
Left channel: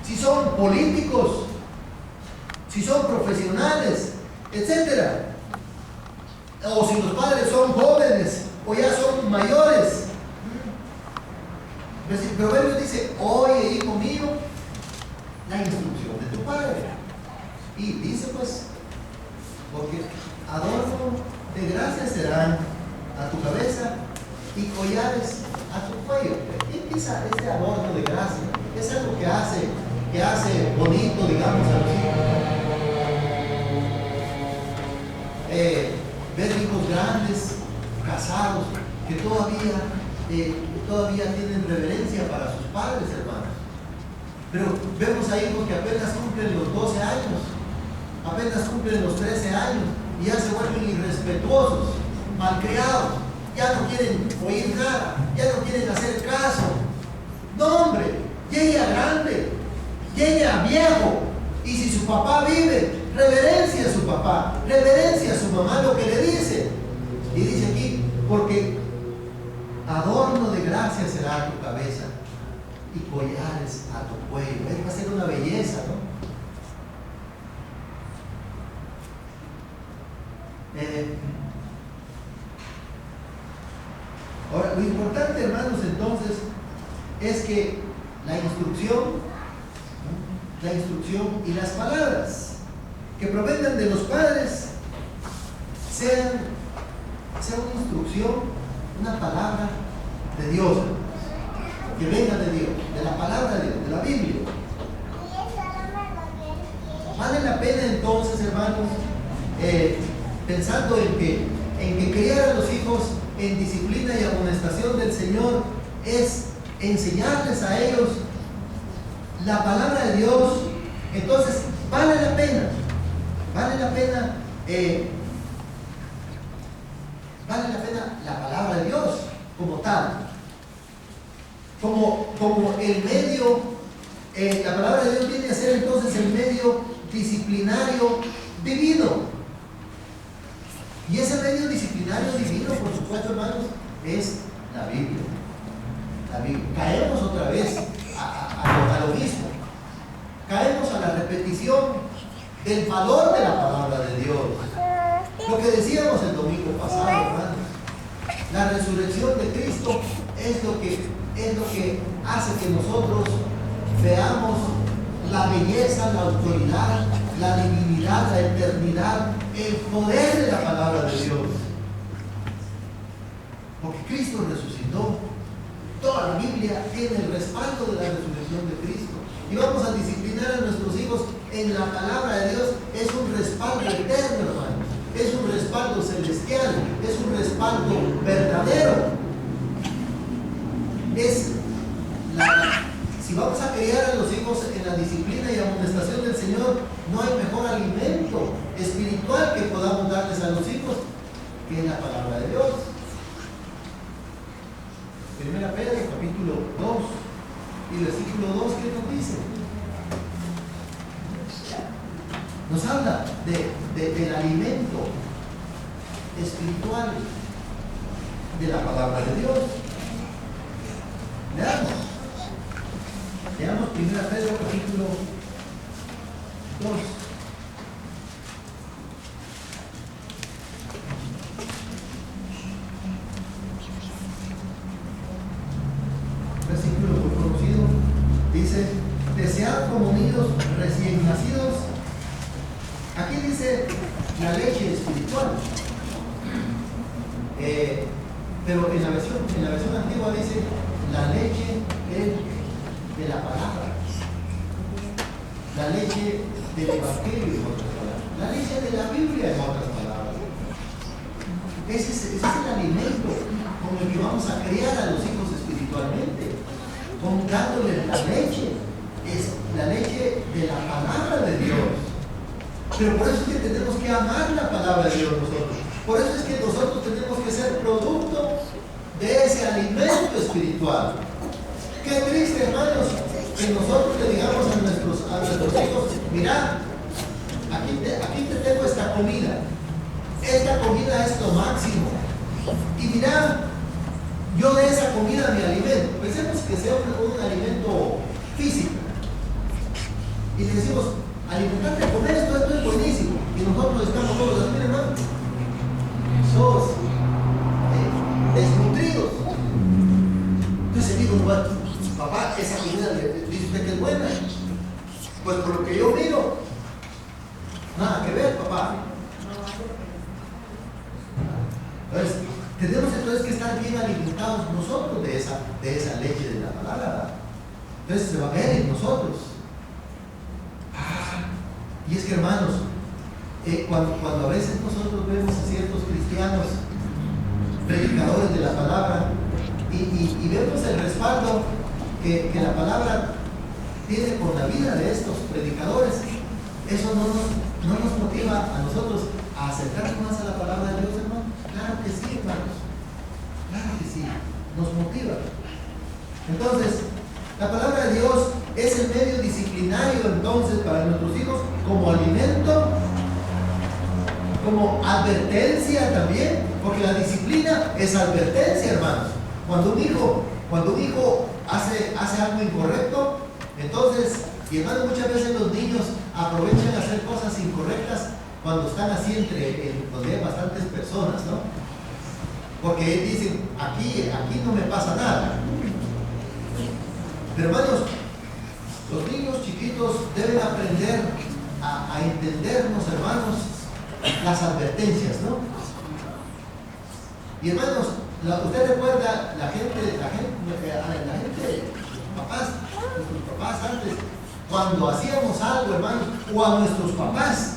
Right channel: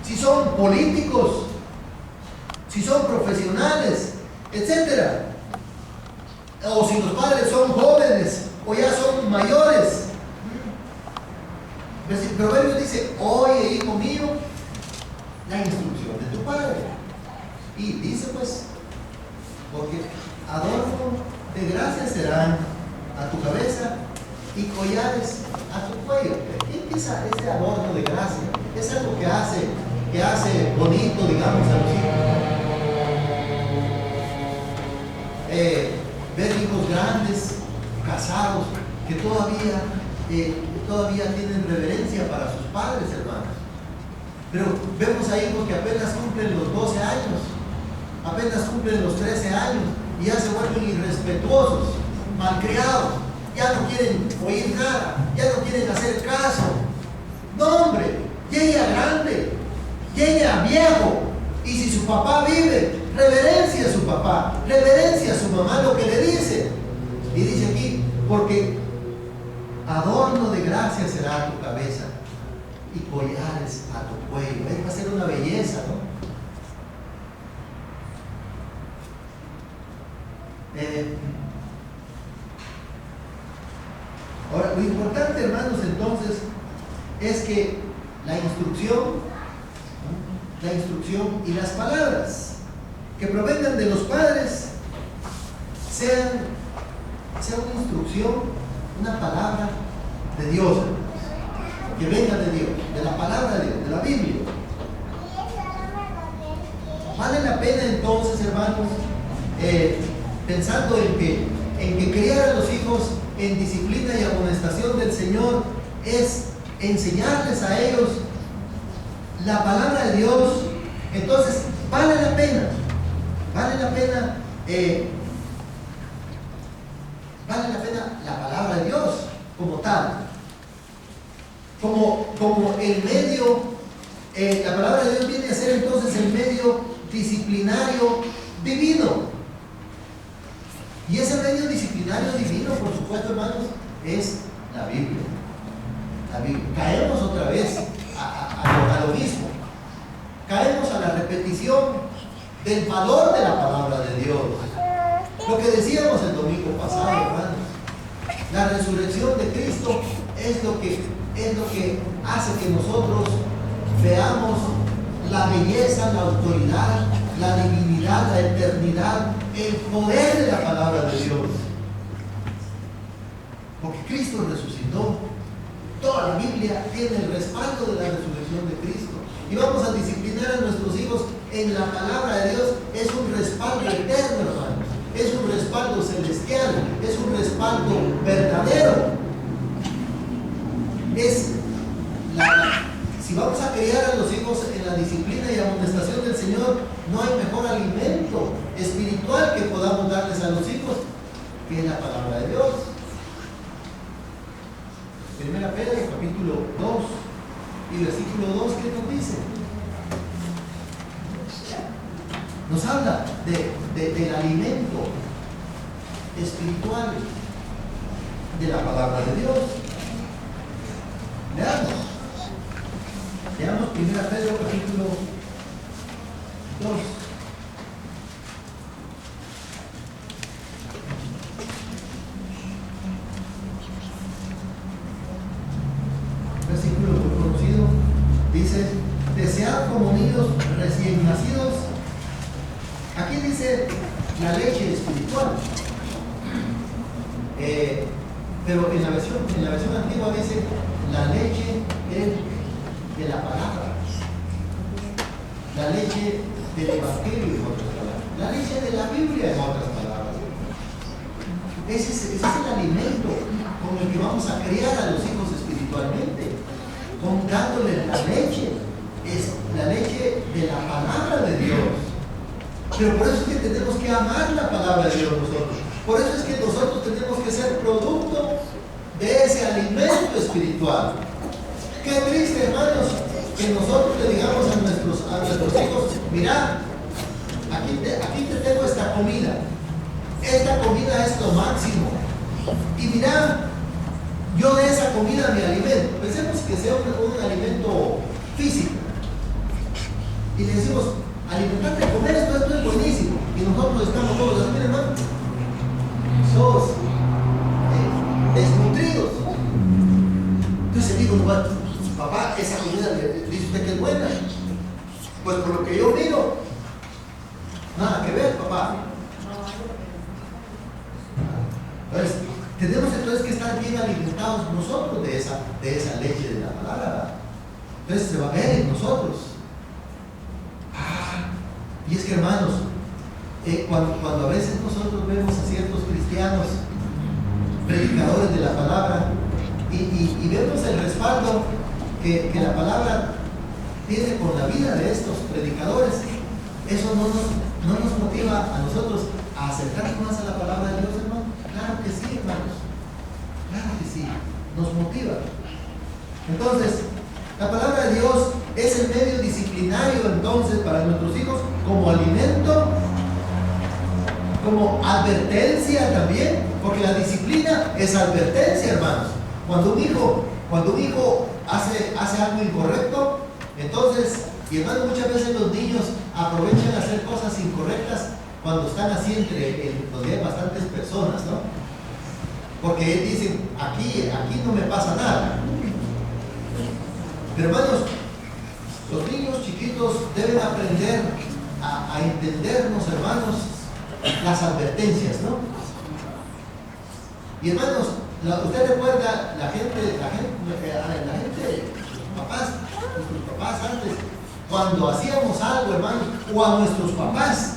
si son políticos, si son profesionales, etc. O si los padres son jóvenes o ya son mayores. El proverbio dice: oye, hijo mío, la instrucción de tu padre. Y dice pues, porque adorno de gracia serán a tu cabeza y collares a tu cuello. Y empieza este adorno de gracia. Es algo que hace bonito, digamos, a los hijos. Ver hijos grandes, casados, que todavía tienen reverencia para sus padres, hermanos. Pero vemos a hijos que apenas cumplen los 12 años, apenas cumplen los 13 años y ya se vuelven irrespetuosos, malcriados, ya no quieren oír nada, ya no quieren hacer caso. No, hombre, llega grande, llega viejo, y si su papá vive, reverencia a su papá, reverencia a su mamá lo que le dice. Y dice aquí: porque adorno de gracia será a tu cabeza y collares a tu cuello. Va a ser una belleza, ¿no? Ahora, lo importante, hermanos, entonces, es que la instrucción y las palabras que provengan de los padres sean una instrucción, una palabra de Dios, que venga de Dios, de la palabra de Dios, de la Biblia. Vale la pena entonces, hermanos, pensando en que criar a los hijos en disciplina y amonestación del Señor es enseñarles a ellos la palabra de Dios. Entonces vale la pena la palabra de Dios como tal, como el medio. La palabra de Dios viene a ser entonces el medio disciplinario divino. Y ese medio disciplinario divino, por supuesto, hermanos, es la Biblia. Caemos otra vez a lo mismo. Caemos a la repetición del valor de la palabra de Dios. Lo que decíamos el domingo pasado, hermanos. La resurrección de Cristo es lo que hace que nosotros veamos la belleza, la autoridad, la divinidad, la eternidad, el poder de la palabra de Dios. Porque Cristo resucitó. Toda la Biblia tiene el respaldo de la resurrección de Cristo. Y vamos a disciplinar a nuestros hijos en la palabra de Dios. Es un respaldo eterno, hermanos. Es un respaldo celestial. Es un respaldo verdadero. Si vamos a criar a los hijos en la disciplina y amonestación del Señor, no hay mejor alimento espiritual que podamos darles a los hijos que la palabra de Dios. Primera Pedro, capítulo 2 y versículo 2, ¿qué nos dice? Nos habla del alimento espiritual de la palabra de Dios. Leamos Primera Pedro, capítulo 2. Versículo muy conocido. Dice: desead como niños recién nacidos. Aquí dice la leche espiritual. Pero en la versión antigua dice la leche de la palabra, la leche del evangelio, en otras palabras, la leche de la Biblia, en otras palabras. Ese es el alimento con el que vamos a criar a los hijos espirituales. espiritualmente, dándole la leche, es la leche de la palabra de Dios. Pero por eso es que tenemos que amar la palabra de Dios nosotros. Por eso es que nosotros tenemos que ser producto de ese alimento espiritual. Qué triste, hermanos, que nosotros le digamos a nuestros hijos: mira, aquí te tengo esta comida. Esta comida es lo máximo. Y mira, yo de esa comida me alimento. Pensemos que sea un alimento físico. Y le decimos: alimentarte a comer esto es buenísimo. Y nosotros estamos todos así: miren, hermano, todos desnutridos. Entonces digo: bueno, papá, esa comida dice usted que es buena. Pues por lo que yo miro, nada que ver, papá. Entonces, tenemos que estar bien alimentados nosotros de esa leche de la palabra. Entonces se va a ver en nosotros. Y es que, hermanos, cuando a veces nosotros vemos a ciertos cristianos, predicadores de la palabra, y vemos el respaldo que la palabra tiene con la vida de estos predicadores, eso no nos motiva a nosotros a acercarnos más a la palabra de Dios, hermano. Claro que sí, hermanos. Claro que sí. Nos motiva. Entonces, la palabra de Dios es el medio disciplinario entonces para nuestros hijos, como alimento, como advertencia también, porque la disciplina es advertencia, hermanos. Cuando un hijo hace algo incorrecto, entonces, y hermanos, muchas veces los niños aprovechan hacer cosas incorrectas cuando están así donde hay bastantes personas, ¿no? Porque dicen: aquí no me pasa nada. Pero, hermanos, los niños chiquitos deben aprender a entendernos, hermanos, las advertencias, ¿no? Y, hermanos, usted recuerda la gente, nuestros papás antes, cuando hacíamos algo, hermanos, o a nuestros papás,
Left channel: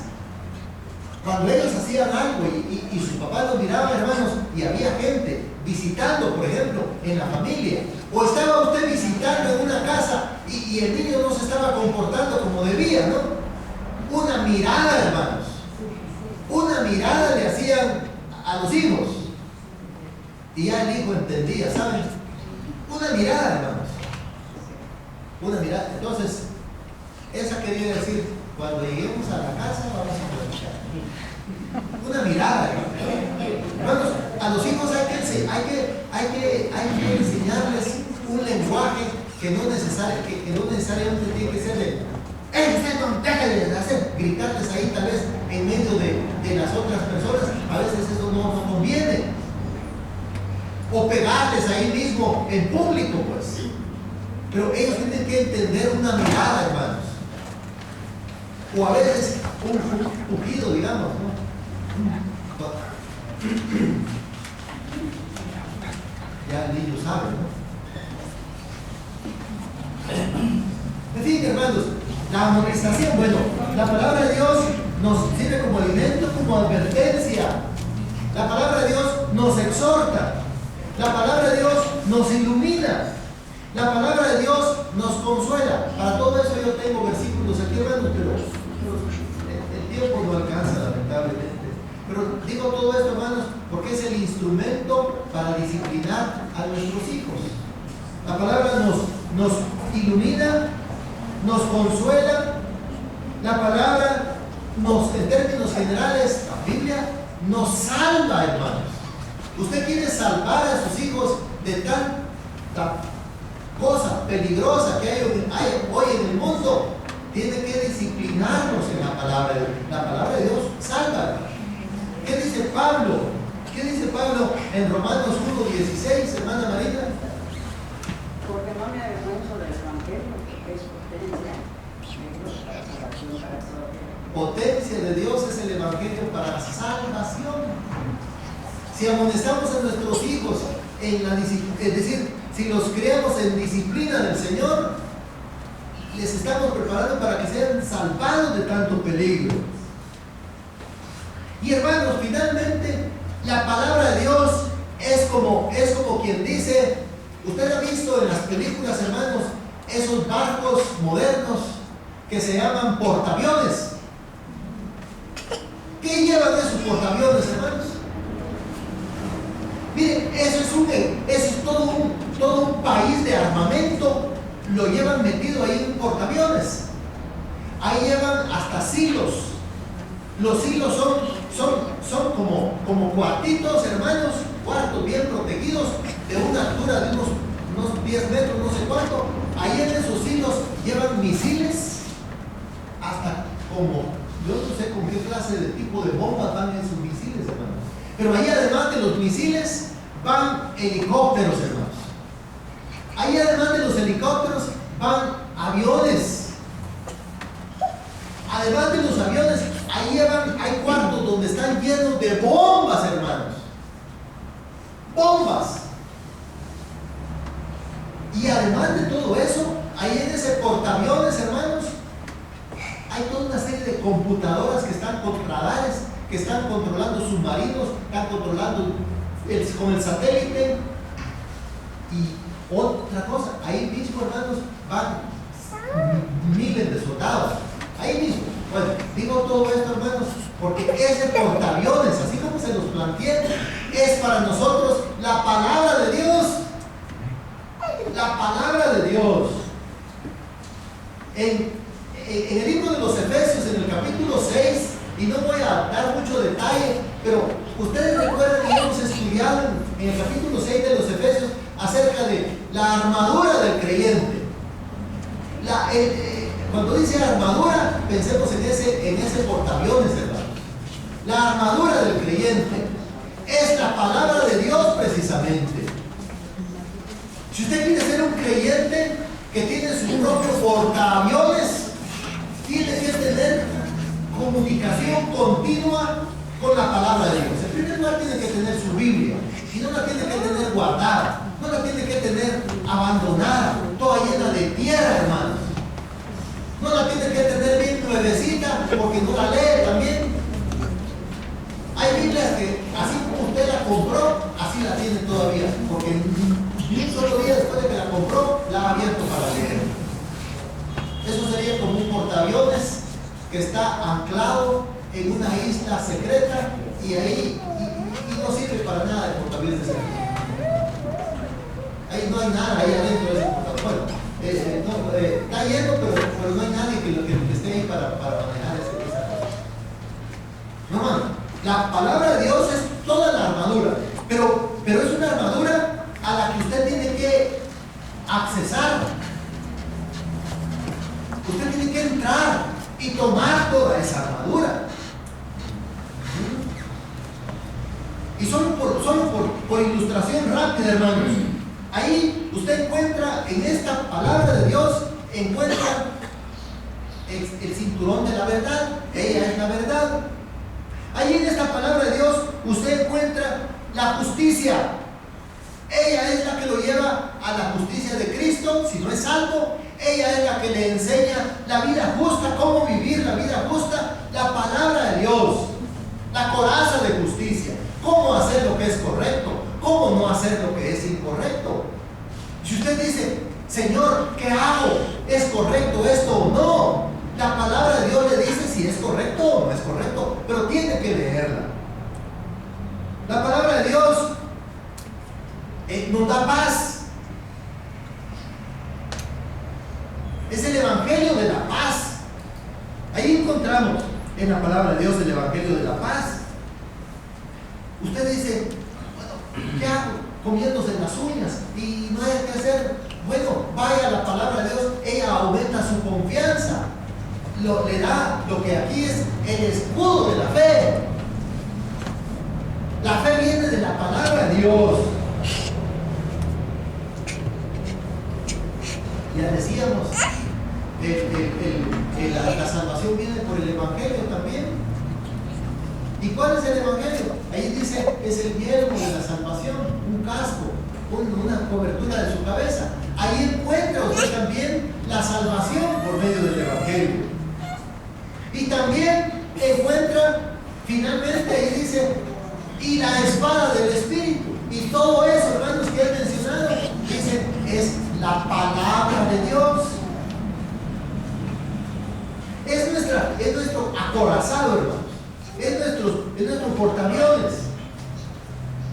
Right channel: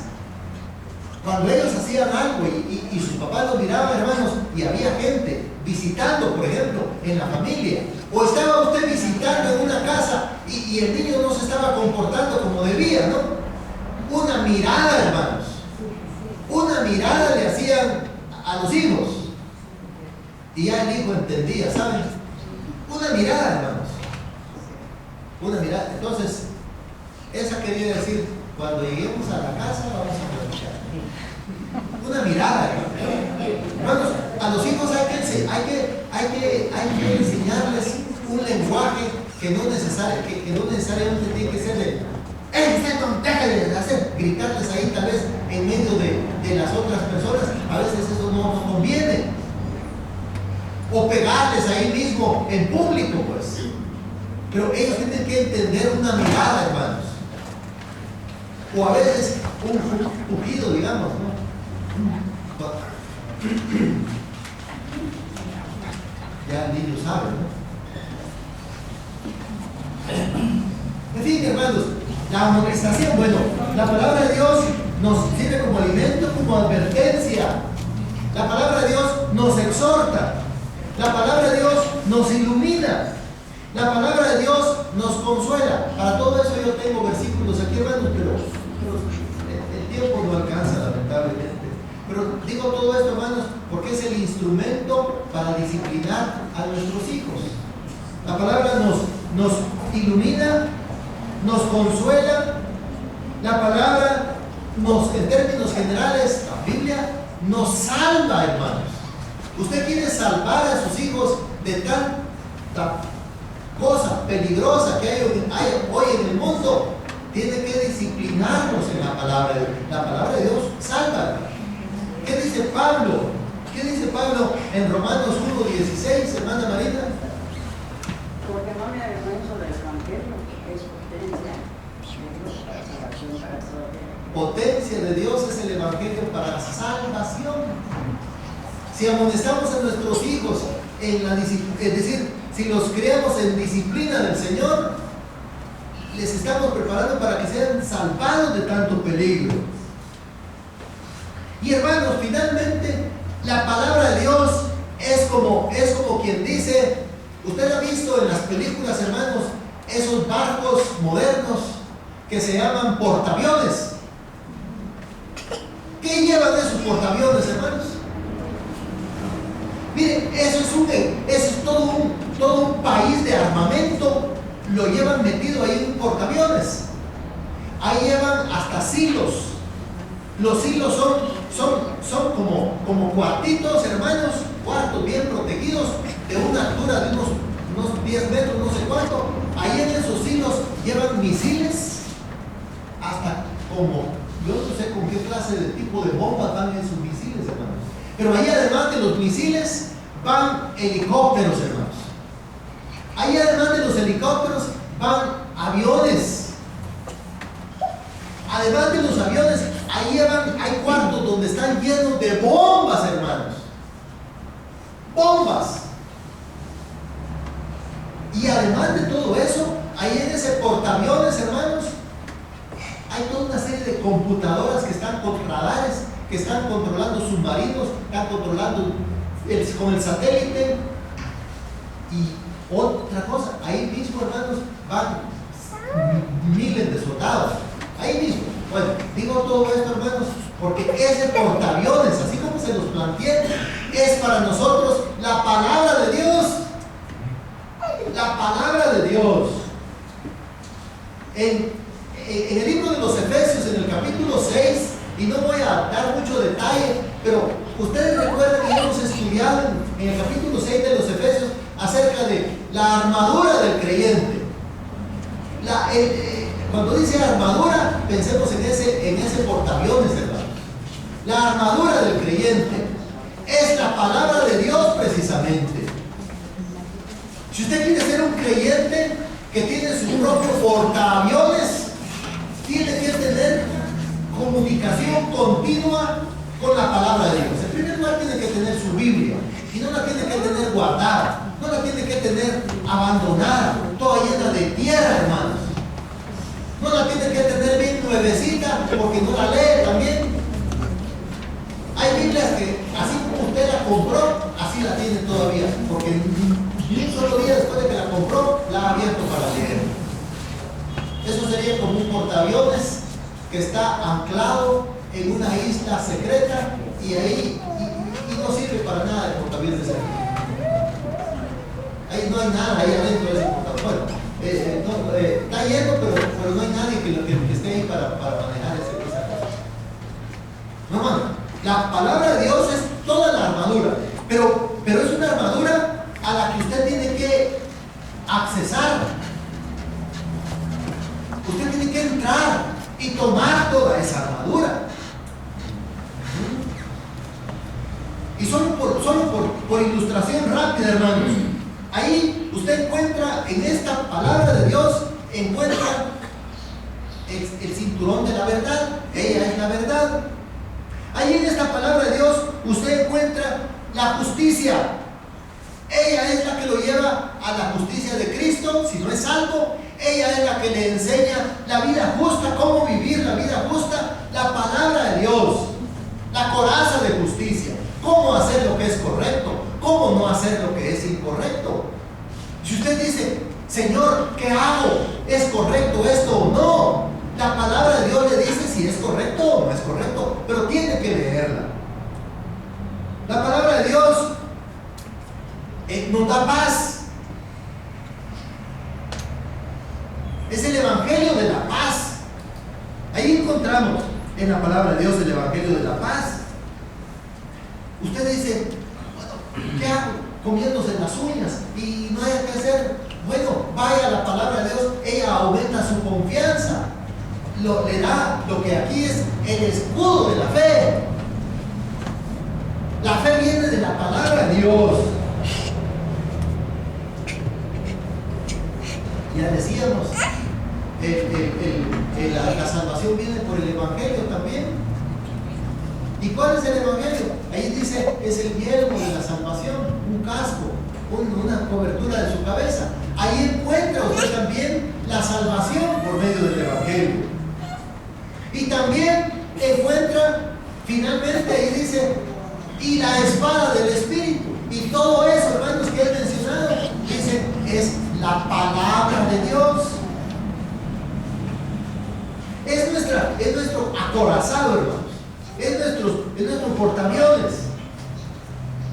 cuando ellos hacían algo y sus papás los miraban, hermanos, y había gente visitando, por ejemplo, en la familia, o estaba usted visitando en una casa y el niño no se estaba comportando como debía, ¿no? Una mirada, hermanos, una mirada le hacían a los hijos y ya el hijo entendía, ¿saben? Una mirada, hermanos, una mirada. Entonces, esa quería decir: cuando lleguemos a la casa vamos a platicar. Una mirada, hermanos. A los hijos hay que enseñarles un lenguaje que no necesariamente tiene que ser de deja de hacer, gritarles ahí tal vez en medio de las otras personas. A veces eso no conviene. O pegarles ahí mismo en público, pues. Pero ellos tienen que entender una mirada, hermanos. O a veces un pujido, digamos, ¿no? Ya el niño sabe, ¿no? En fin, hermanos, la amonestación, bueno, la palabra de Dios nos sirve como alimento, como advertencia. La palabra de Dios nos exhorta. La palabra de Dios nos ilumina. La palabra de Dios nos consuela. Para todo eso yo tengo versículos aquí, hermanos, pero el tiempo no alcanza, lamentablemente. Pero digo todo esto, hermanos, porque es el instrumento para disciplinar a nuestros hijos. La palabra nos ilumina, nos consuela. La palabra en términos generales, la Biblia nos salva, hermanos. Usted quiere salvar a sus hijos de tanta cosa peligrosa que hay hoy en el mundo. Tiene que disciplinarnos en la palabra de Dios. La palabra de Dios salva. ¿Qué dice Pablo? ¿Qué dice Pablo en Romanos 1:16, hermana Marina? Porque no me avergüenzo del evangelio, que es potencia de Dios para salvación para todo aquel. Potencia de Dios es el evangelio para salvación. Si amonestamos a nuestros hijos en la disciplina, es decir, si los criamos en disciplina del Señor, les estamos preparando para que sean salvados de tanto peligro. Y hermanos, finalmente, la palabra de Dios es como quien dice: Usted ha visto en las películas, hermanos, esos barcos modernos que se llaman portaaviones. ¿Qué llevan esos portaaviones, hermanos? Miren, eso es todo un país de armamento, lo llevan metido ahí en un portaaviones. Ahí llevan hasta silos. Los silos son como cuartitos, hermanos, cuartos bien protegidos, de una altura de unos 10 metros, no sé cuánto. Ahí en esos silos llevan misiles, hasta yo no sé con qué clase de tipo de bombas van esos misiles, hermanos. Pero ahí además de los misiles van helicópteros, hermanos. Ahí además de los helicópteros van aviones. Además de los aviones, hay cuartos donde están llenos de bombas, hermanos. Bombas. Y además de todo eso, ahí en ese portaaviones, hermanos, hay toda una serie de computadoras que están con radares, que están controlando submarinos, están controlando con el satélite. Y otra cosa, ahí mismo, hermanos, van miles de soldados. Ahí mismo. Bueno, digo todo esto, hermanos, porque ese portaaviones, así como se los planteé, es para nosotros la palabra de Dios. La palabra de Dios. En el libro de los Efesios, en el capítulo 6, y no voy a dar mucho detalle, pero ustedes recuerdan que hemos estudiado en el capítulo 6 de los Efesios acerca de la armadura del creyente. Cuando dice armadura, pensemos en ese portaaviones, hermanos. La armadura del creyente es la palabra de Dios, precisamente. Si usted quiere ser un creyente que tiene su propio portaaviones, tiene que tener comunicación continua con la palabra de Dios. En primer lugar, tiene que tener su Biblia, y no la tiene que tener guardada, no la tiene que tener abandonada, toda llena de tierra, hermanos. No la tiene que tener bien nuevecita, porque no la lee también. Hay Biblias que, así como usted la compró, así la tiene todavía, porque ni un solo día después de que la compró, la ha abierto para leer. Eso sería como un portaaviones que está anclado en una isla secreta y ahí no sirve para nada el portaaviones secreto. Ahí no hay nada ahí adentro de ese portaaviones. Bueno, está lleno, pero no hay nadie que esté ahí para manejar esa cosa. No, hermano, la palabra de Dios es toda la armadura, pero es una armadura a la que usted tiene que accesar. Usted tiene que entrar y tomar toda esa armadura. Y solo por ilustración rápida, hermanos, ahí usted encuentra en esta palabra de Dios, encuentra el cinturón de la verdad. Ella es la verdad. Ahí en esta palabra de Dios usted encuentra la justicia. Ella es la que lo lleva a la justicia de Cristo, si no es salvo. Ella es la que le enseña la vida justa, cómo vivir la vida justa, la palabra de Dios, la coraza de justicia, cómo hacer lo que es correcto, cómo no hacer lo que es incorrecto. Si usted dice, Señor, ¿qué hago? ¿Es correcto esto o no? La palabra de Dios le dice si es correcto o no es correcto, pero tiene que leerla. La palabra de Dios nos da paz. Es el evangelio de la paz. Ahí encontramos en la palabra de Dios el evangelio de la paz. Usted dice, bueno, ¿qué hago? Comiéndose las uñas y no hay que hacer. Bueno, vaya a la palabra de Dios, ella aumenta su confianza. Le da lo que aquí es el escudo de la fe. La fe viene de la palabra de Dios. Ya decíamos, la salvación viene por el evangelio también. ¿Y cuál es el evangelio? Ahí dice, es el yelmo de la salvación, un casco, una cobertura de su cabeza. Ahí encuentra usted también la salvación por medio del evangelio. Y también encuentra, finalmente ahí dice, y la espada del Espíritu. Y todo eso, hermanos, que he mencionado, dice, la palabra de Dios. Es nuestro acorazado, hermanos. Es nuestro portaaviones.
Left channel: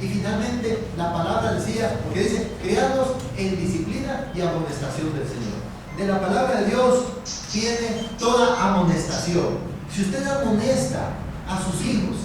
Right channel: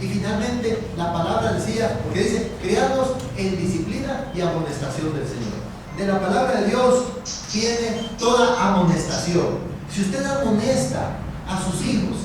Y finalmente la palabra decía, porque dice, criados en disciplina y amonestación del Señor. De la palabra de Dios viene toda amonestación. Si usted amonesta a sus hijos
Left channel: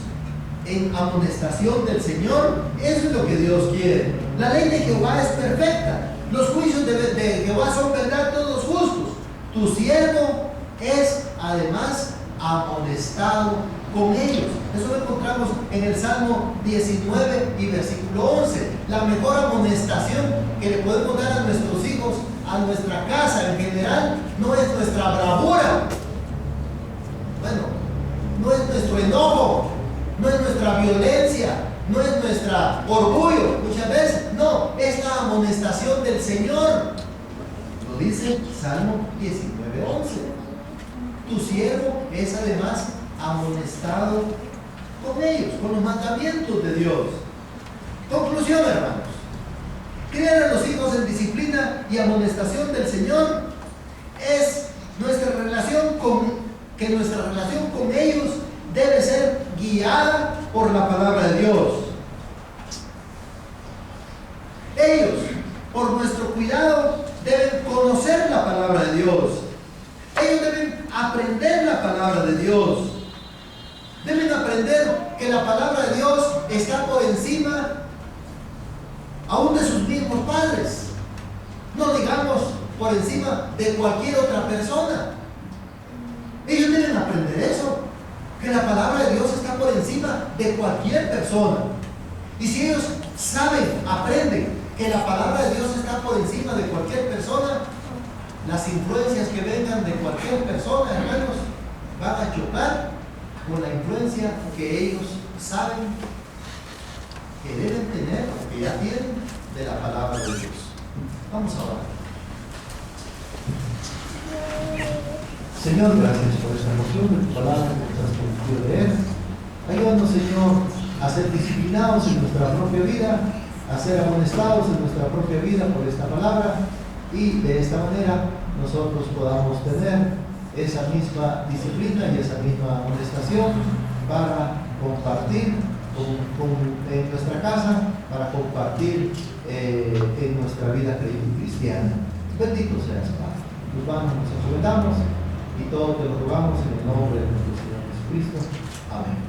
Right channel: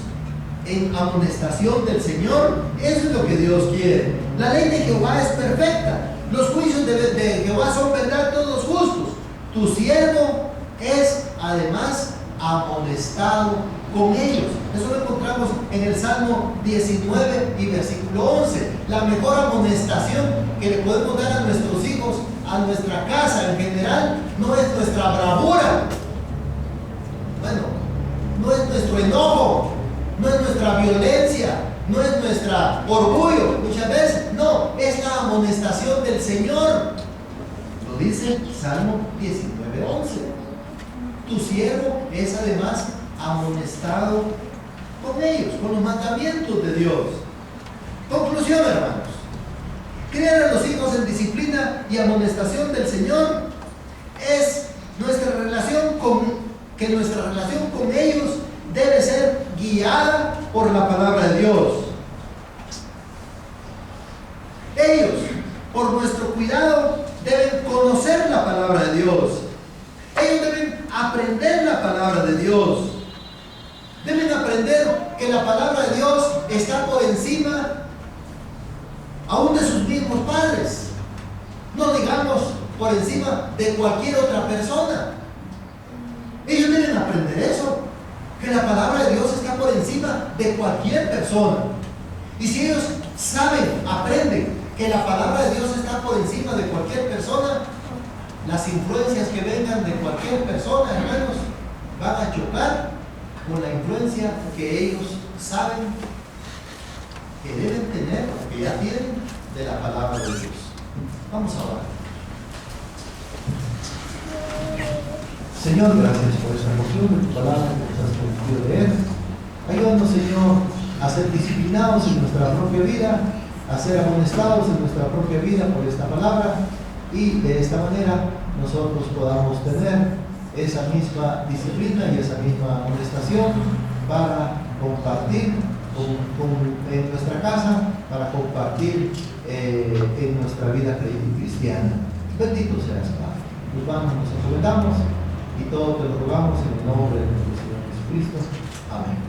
en amonestación del Señor, eso es lo que Dios quiere. La ley de Jehová es perfecta. Los juicios de Jehová son verdad, todos justos. Tu siervo es además amonestado con ellos. Eso lo encontramos en el Salmo 19 y versículo 11. La mejor amonestación que le podemos dar a nuestros hijos, a nuestra casa en general, no es nuestra bravura, bueno, no es nuestro enojo, no es nuestra violencia, no es nuestro orgullo, muchas veces, no, es la amonestación del Señor. Lo dice Salmo 19:11. Tu siervo es además amonestado con ellos, con los mandamientos de Dios. Conclusión, hermanos. Criar a los hijos en disciplina y amonestación del Señor es nuestra relación con ellos debe ser guiada por la palabra de Dios. Ellos, por nuestro cuidado, deben conocer la palabra de Dios. Ellos deben aprender la palabra de Dios. Deben aprender que la palabra de Dios está por encima aún de sus mismos padres. No digamos por encima de cualquier otra persona. Ellos deben aprender eso, que la palabra de Dios está por encima de cualquier persona. Y si ellos saben, aprenden que la palabra de Dios está por encima de cualquier persona, las influencias que vengan de cualquier persona, hermanos, van a chocar con la influencia que ellos saben que deben tener, que ya tienen, de la palabra de Dios. Vamos a orar. Señor, gracias por esta porción de tu palabra que nos has permitido leer. Ayúdanos, Señor, a ser disciplinados en nuestra propia vida, a ser amonestados en nuestra propia vida por esta palabra, y de esta manera nosotros podamos tener esa misma disciplina y esa misma amonestación para compartir en nuestra casa, para compartir en nuestra vida cristiana. Bendito seas, Padre. Tus manos nos encomendamos y todo te lo rogamos en el nombre de nuestro Señor Jesucristo. Amén.